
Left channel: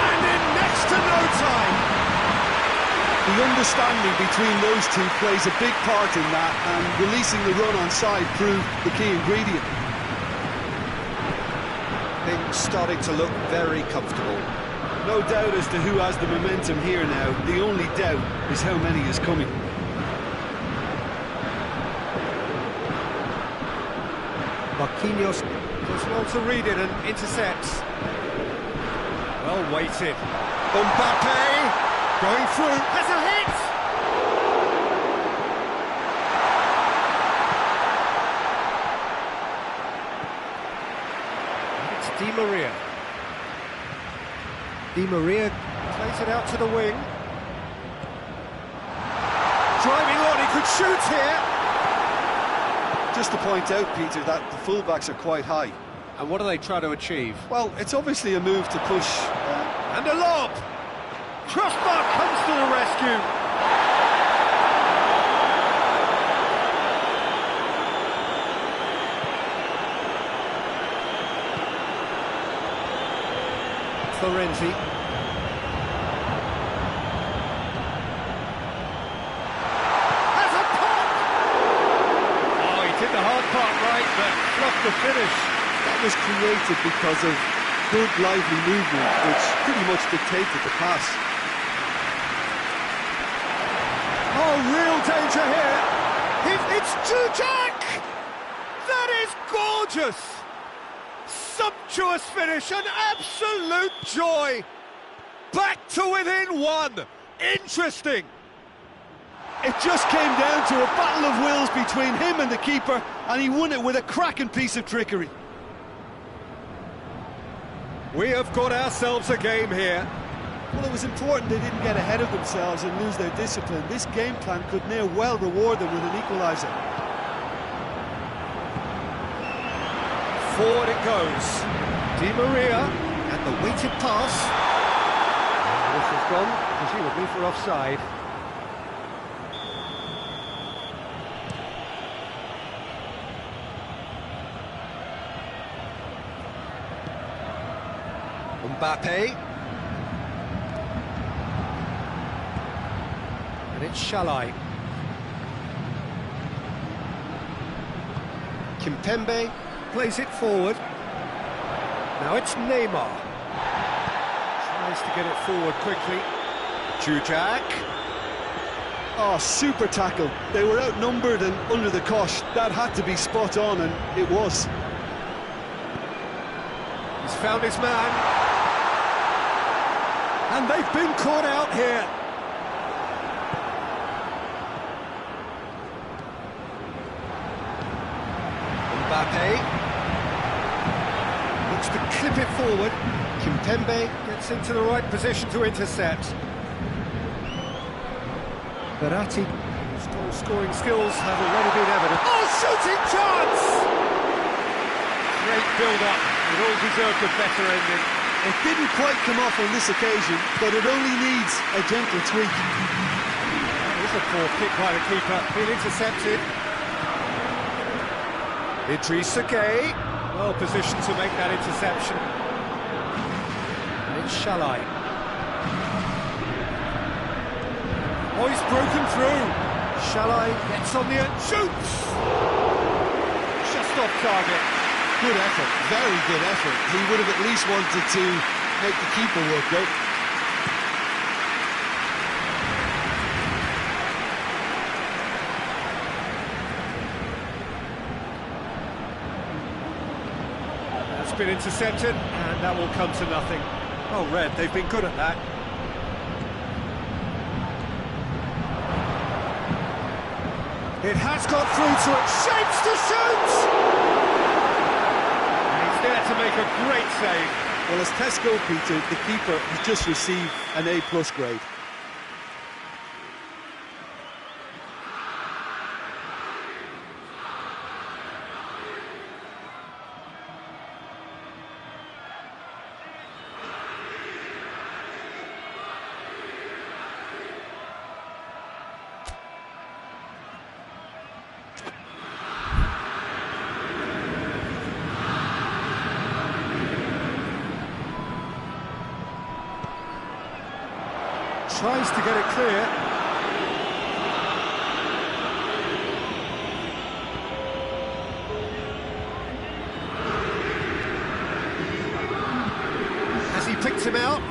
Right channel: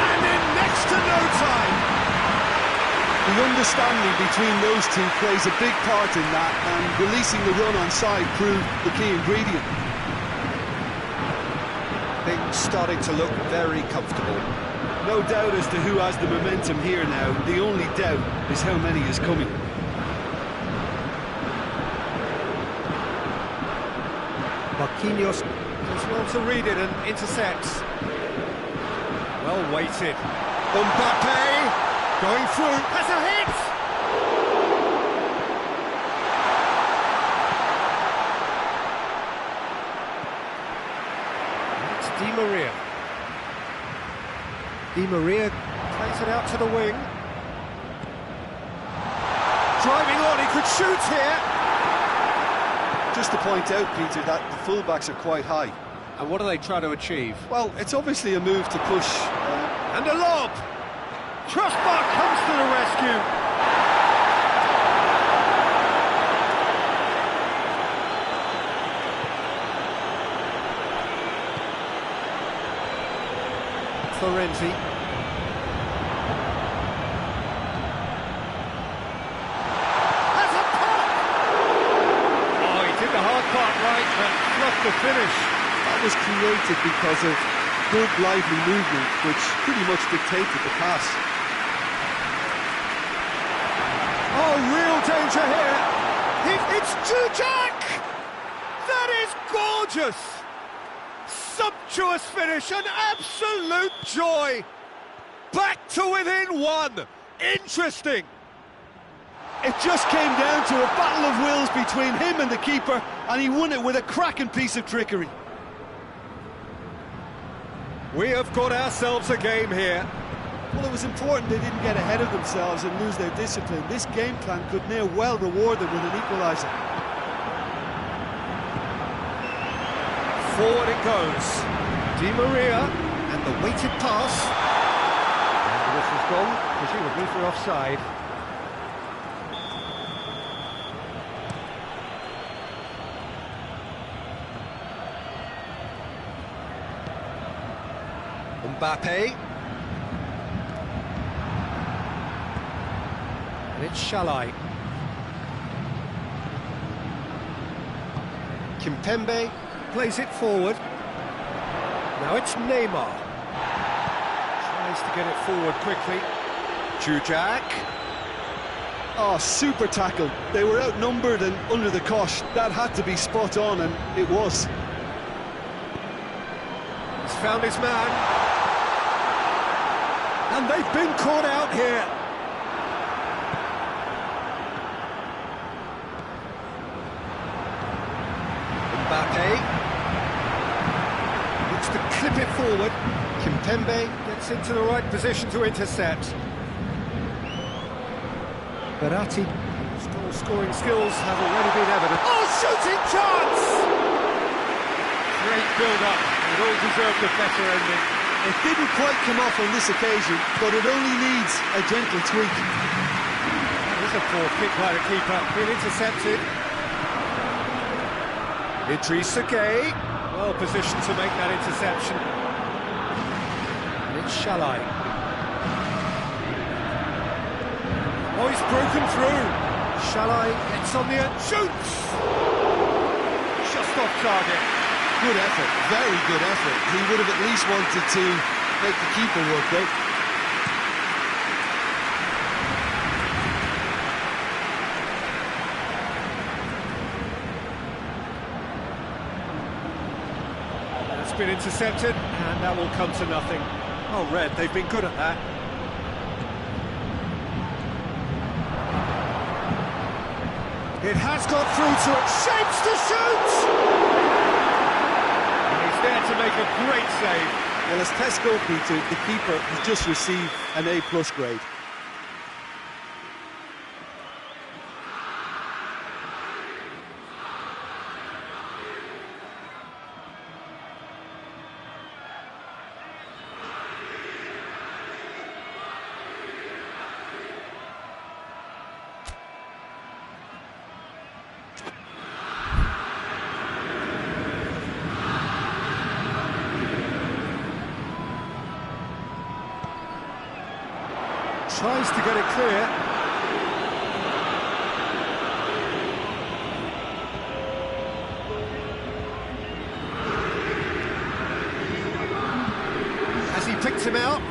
and in next to no time. The understanding between those two plays a big part in that, and releasing the run on side proved the key ingredient. Things starting to look very comfortable. No doubt as to who has the momentum here now. The only doubt is how many is coming. Marquinhos does well to read it and intercepts. Well weighted. Mbappe going through, has a hit! And it's Di Maria. Di Maria plays it out to the wing. Driving on, he could shoot here! Just to point out, Peter, that the fullbacks are quite high. And what do they try to achieve? Well, it's obviously a move to push. And a lob! Crossbar comes to the rescue! Florenzi. Has a pop! Oh, he did the hard part right, but fluffed the finish. That was created because of good, lively movement, which pretty much dictated the pass. Oh, real danger here! It's Jujak! That is gorgeous! Sumptuous finish, an absolute joy! Back to within one! Interesting! It just came down to a battle of wills between him and the keeper, and he won it with a cracking piece of trickery. We have got ourselves a game here. Well, it was important they didn't get ahead of themselves and lose their discipline. This game plan could now well reward them with an equaliser. Forward it goes. Di Maria, and the weighted pass. And the whistle's gone, presumably for offside. Mbappe. And it's Shalai. Kimpembe plays it forward. Now it's Neymar. Tries to get it forward quickly. Jujak. Oh, super tackle. They were outnumbered and under the cosh. That had to be spot on, and it was. He's found his man. And they've been caught out here. Mbappe looks to clip it forward. Kimpembe gets into the right position to intercept. Verratti, whose goal-scoring skills have already been evident. Oh, shooting chance! Great build-up. It all deserved a better ending. It didn't quite come off on this occasion, but it only needs a gentle tweak. That is a poor pick by the keeper. Been intercepted. Idrissa Gueye, well positioned to make that interception. And it's Shalai. Oh, he's broken through. Shalai gets on the end, shoots! Just off target. Good effort, very good effort. He would have at least wanted to make the keeper work though. That's been intercepted, and that will come to nothing. Oh, Red, they've been good at that. It has got through to it, shapes to shoot! There to make a great save. Well, as tests go, Peter, the keeper has just received an A+ grade. Tries to get it clear. cuts him out.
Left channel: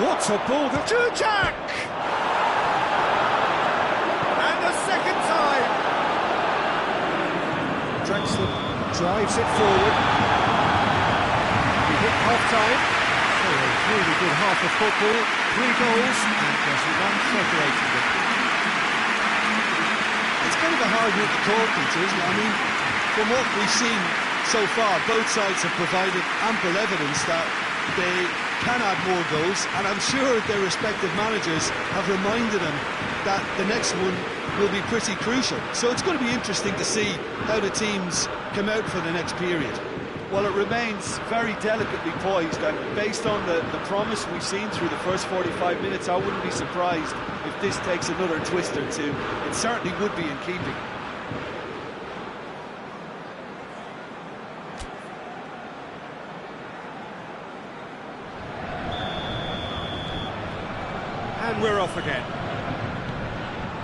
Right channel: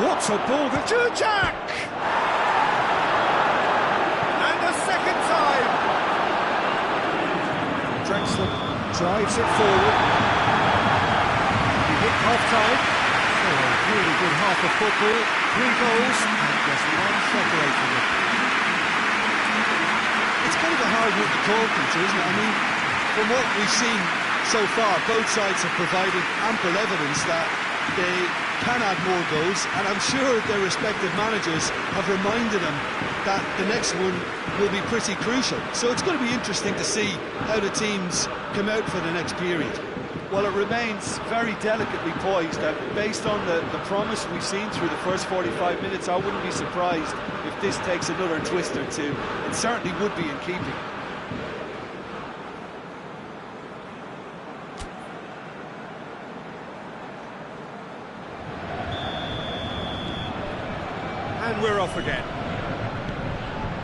What a ball, the Jurjak! And a second time. Drexler drives it forward. He hit half-time. So a really good half of football. 3 goals and just one separating them. It's kind of a hard one to call, Peter, isn't it? I mean, from what we've seen so far, both sides have provided ample evidence that they can add more goals, and I'm sure their respective managers have reminded them that the next one will be pretty crucial. So it's going to be interesting to see how the teams come out for the next period. Well, it remains very delicately poised, and based on the promise we've seen through the first 45 minutes, I wouldn't be surprised if this takes another twist or two. It certainly would be in keeping. And we're off again.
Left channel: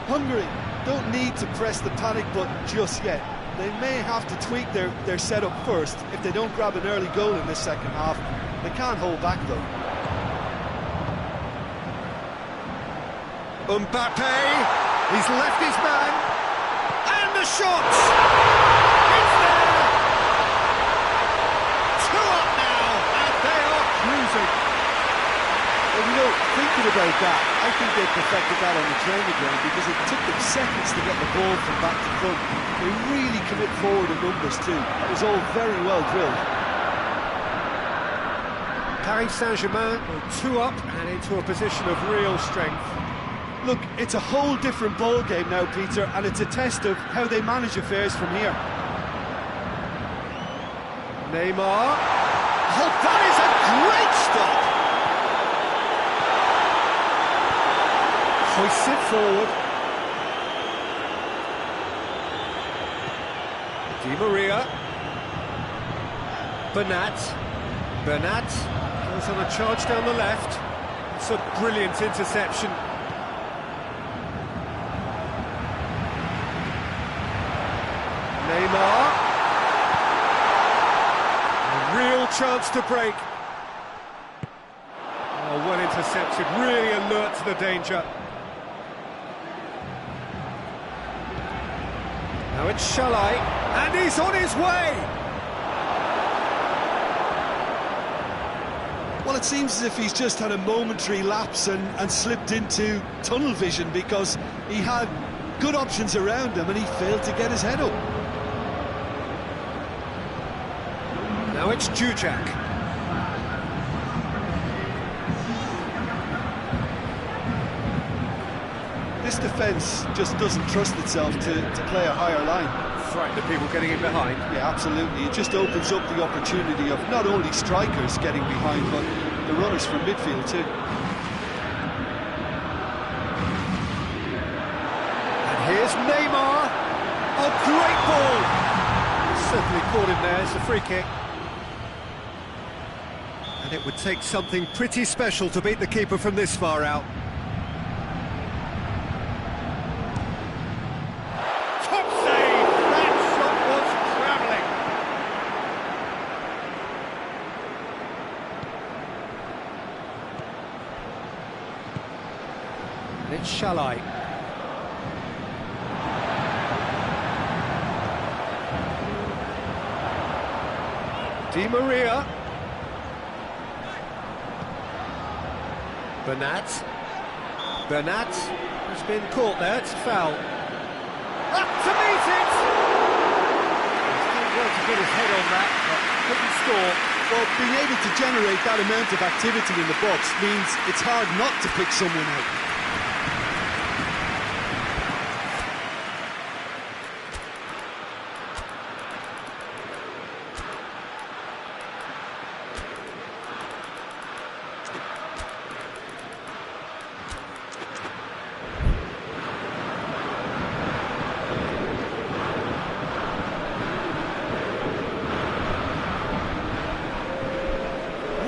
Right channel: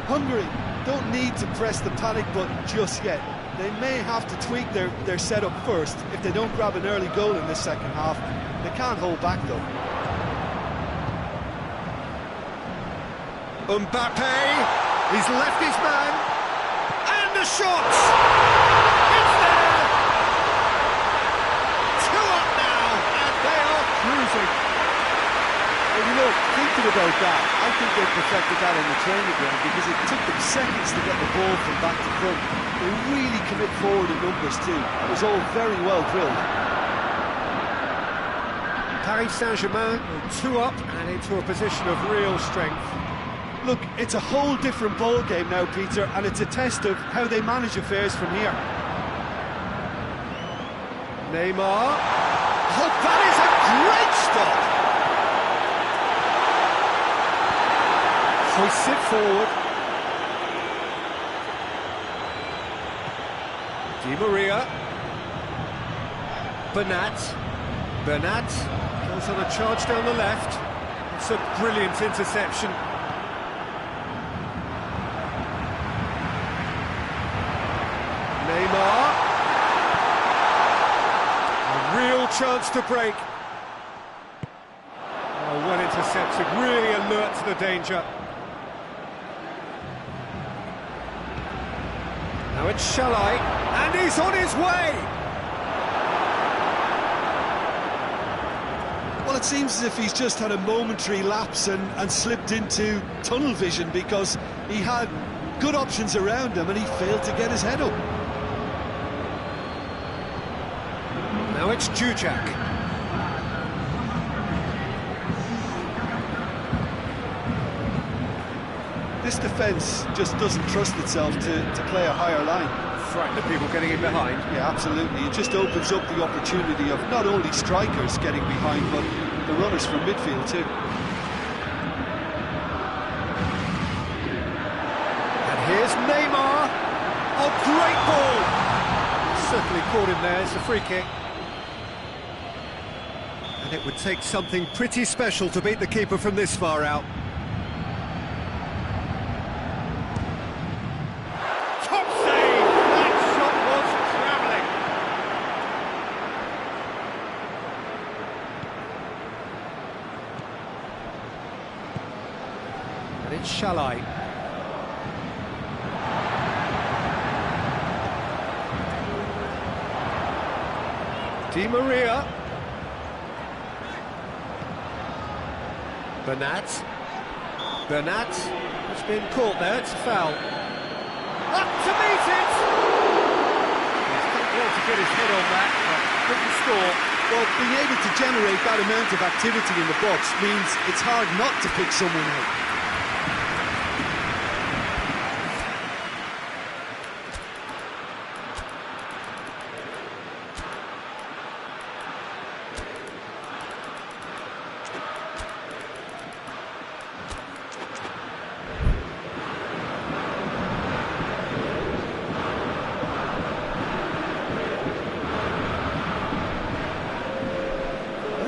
Hungary don't need to press the panic button just yet. They may have to tweak their setup first if they don't grab an early goal in this second half. They can't hold back though. Mbappe, he's left his man, and the shot! It's there! 2 up now, and they are cruising. Well, you know, thinking about that, I think they perfected that on the training ground because it took them seconds to get the ball from back to front. They really commit forward in numbers too. That was all very well drilled. Paris Saint-Germain go 2 up and into a position of real strength. Look, it's a whole different ball game now, Peter, and it's a test of how they manage affairs from here. Neymar. Oh, that is a great stop! Hoists it forward. Di Maria. Bernat goes on a charge down the left. It's a brilliant interception. Neymar. A real chance to break. Oh, well intercepted, really alert to the danger. Now it's Shalai, and he's on his way! Well, it seems as if he's just had a momentary lapse and slipped into tunnel vision because he had good options around him and he failed to get his head up. Now it's Jurjak. This defence just doesn't trust itself to play a higher line. Frightened of people getting in behind. Yeah, absolutely. It just opens up the opportunity of not only strikers getting behind, but the runners from midfield too. And here's Neymar. Oh, great ball! Certainly caught him there. It's a free kick. And it would take something pretty special to beat the keeper from this far out. Top save! That shot was travelling. And it's Shalai. Di Maria. Bernat has been caught there, it's a foul. Up to meet it! He's done well to get his head on that, but couldn't score. Well, being able to generate that amount of activity in the box means it's hard not to pick someone out.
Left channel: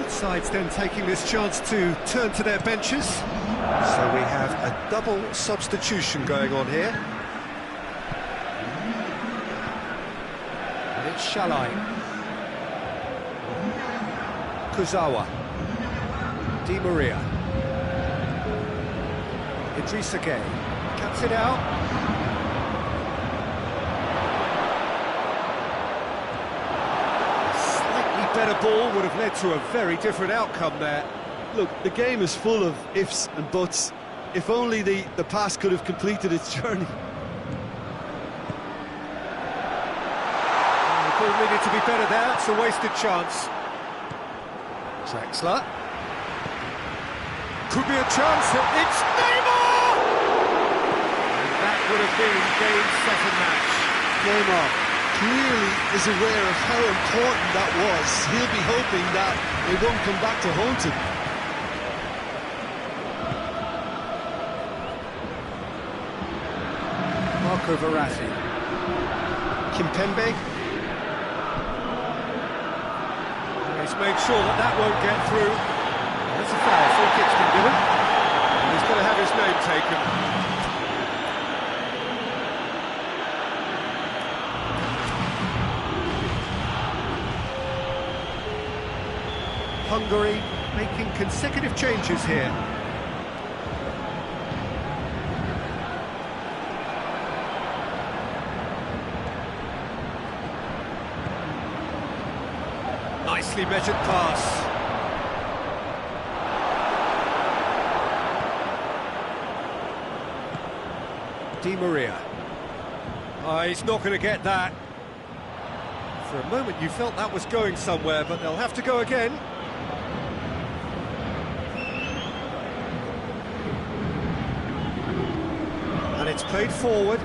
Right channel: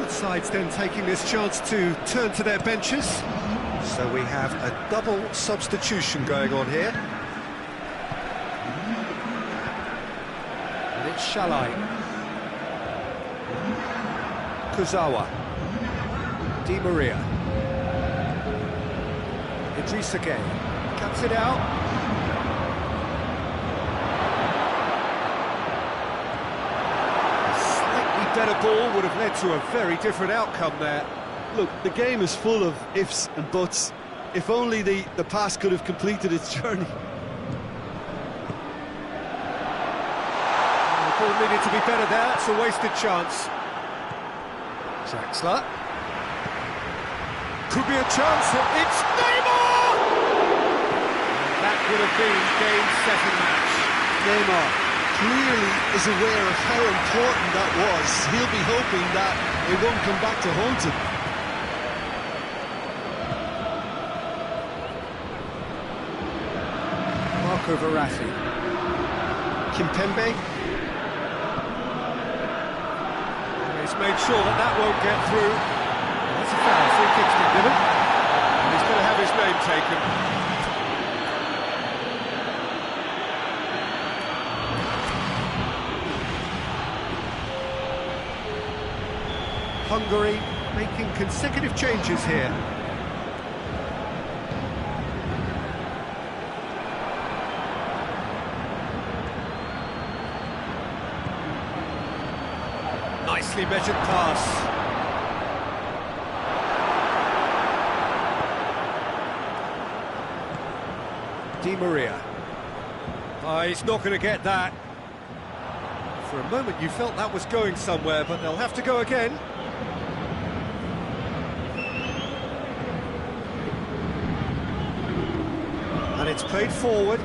Sides then taking this chance to turn to their benches. So we have a double substitution going on here. And it's Shalai. Kurzawa. Di Maria. Idrissa Gueye cuts it out. A slightly better ball would have led to a very different outcome there. Look, the game is full of ifs and buts. If only the pass could have completed its journey. The ball needed to be better there, it's a wasted chance. Draxler. Could be a chance, it's Neymar! And that would have been game, set and match. Neymar clearly is aware of how important that was. He'll be hoping that it won't come back to haunt him. Marco Verratti. Kimpembe. He's made sure that that won't get through. That's a foul, free kick's been given. And he's going to have his name taken. Hungary making consecutive changes here. Nicely measured pass. Di Maria. He's not going to get that. For a moment you felt that was going somewhere, but they'll have to go again. And it's played forward.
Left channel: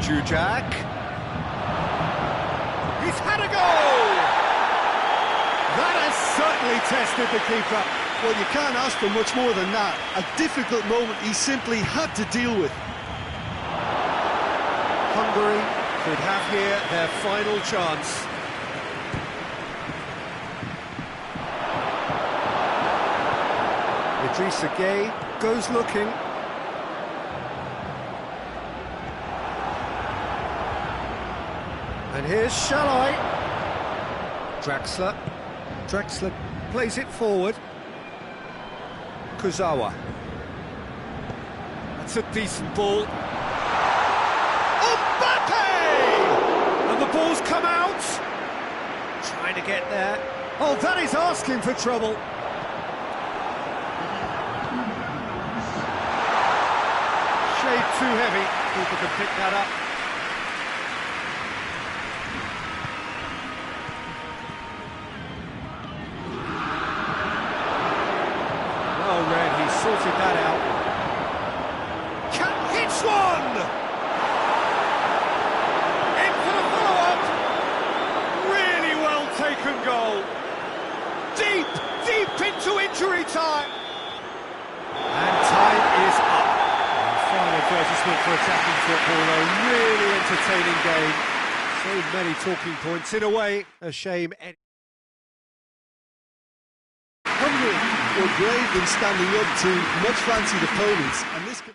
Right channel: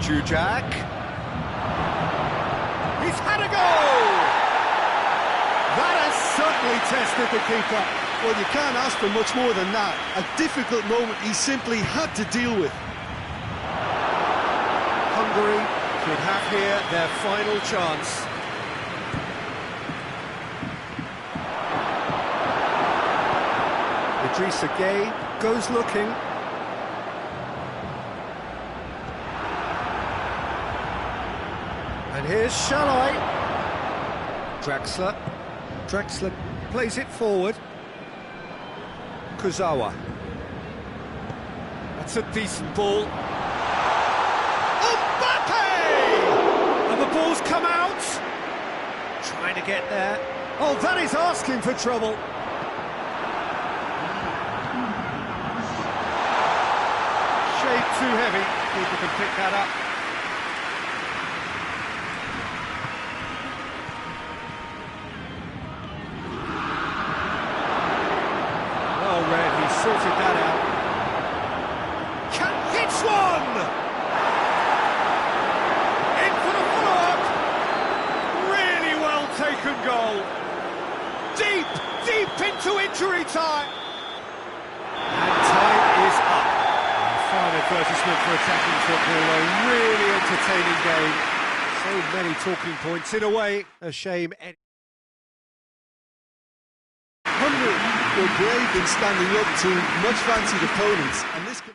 Jujak. He's had a goal! That has certainly tested the keeper. Well, you can't ask for much more than that. A difficult moment he simply had to deal with. Hungary could have here their final chance. Idrissa Gueye goes looking. And here's Shalai. Draxler. Draxler plays it forward. Kurzawa. That's a decent ball. Mbappe! And the ball's come out. Trying to get there. Oh, that is asking for trouble. Shade too heavy. Keeper can pick that up. Oh, Red, he sorted that out. Hits one! In for the follow-up. Really well taken goal. Deep into injury time. And time is up. A fine advertisement for attacking football, a really entertaining game. So many talking points. In a way, a shame. Hungary were brave in standing up to much fancied opponents, and this can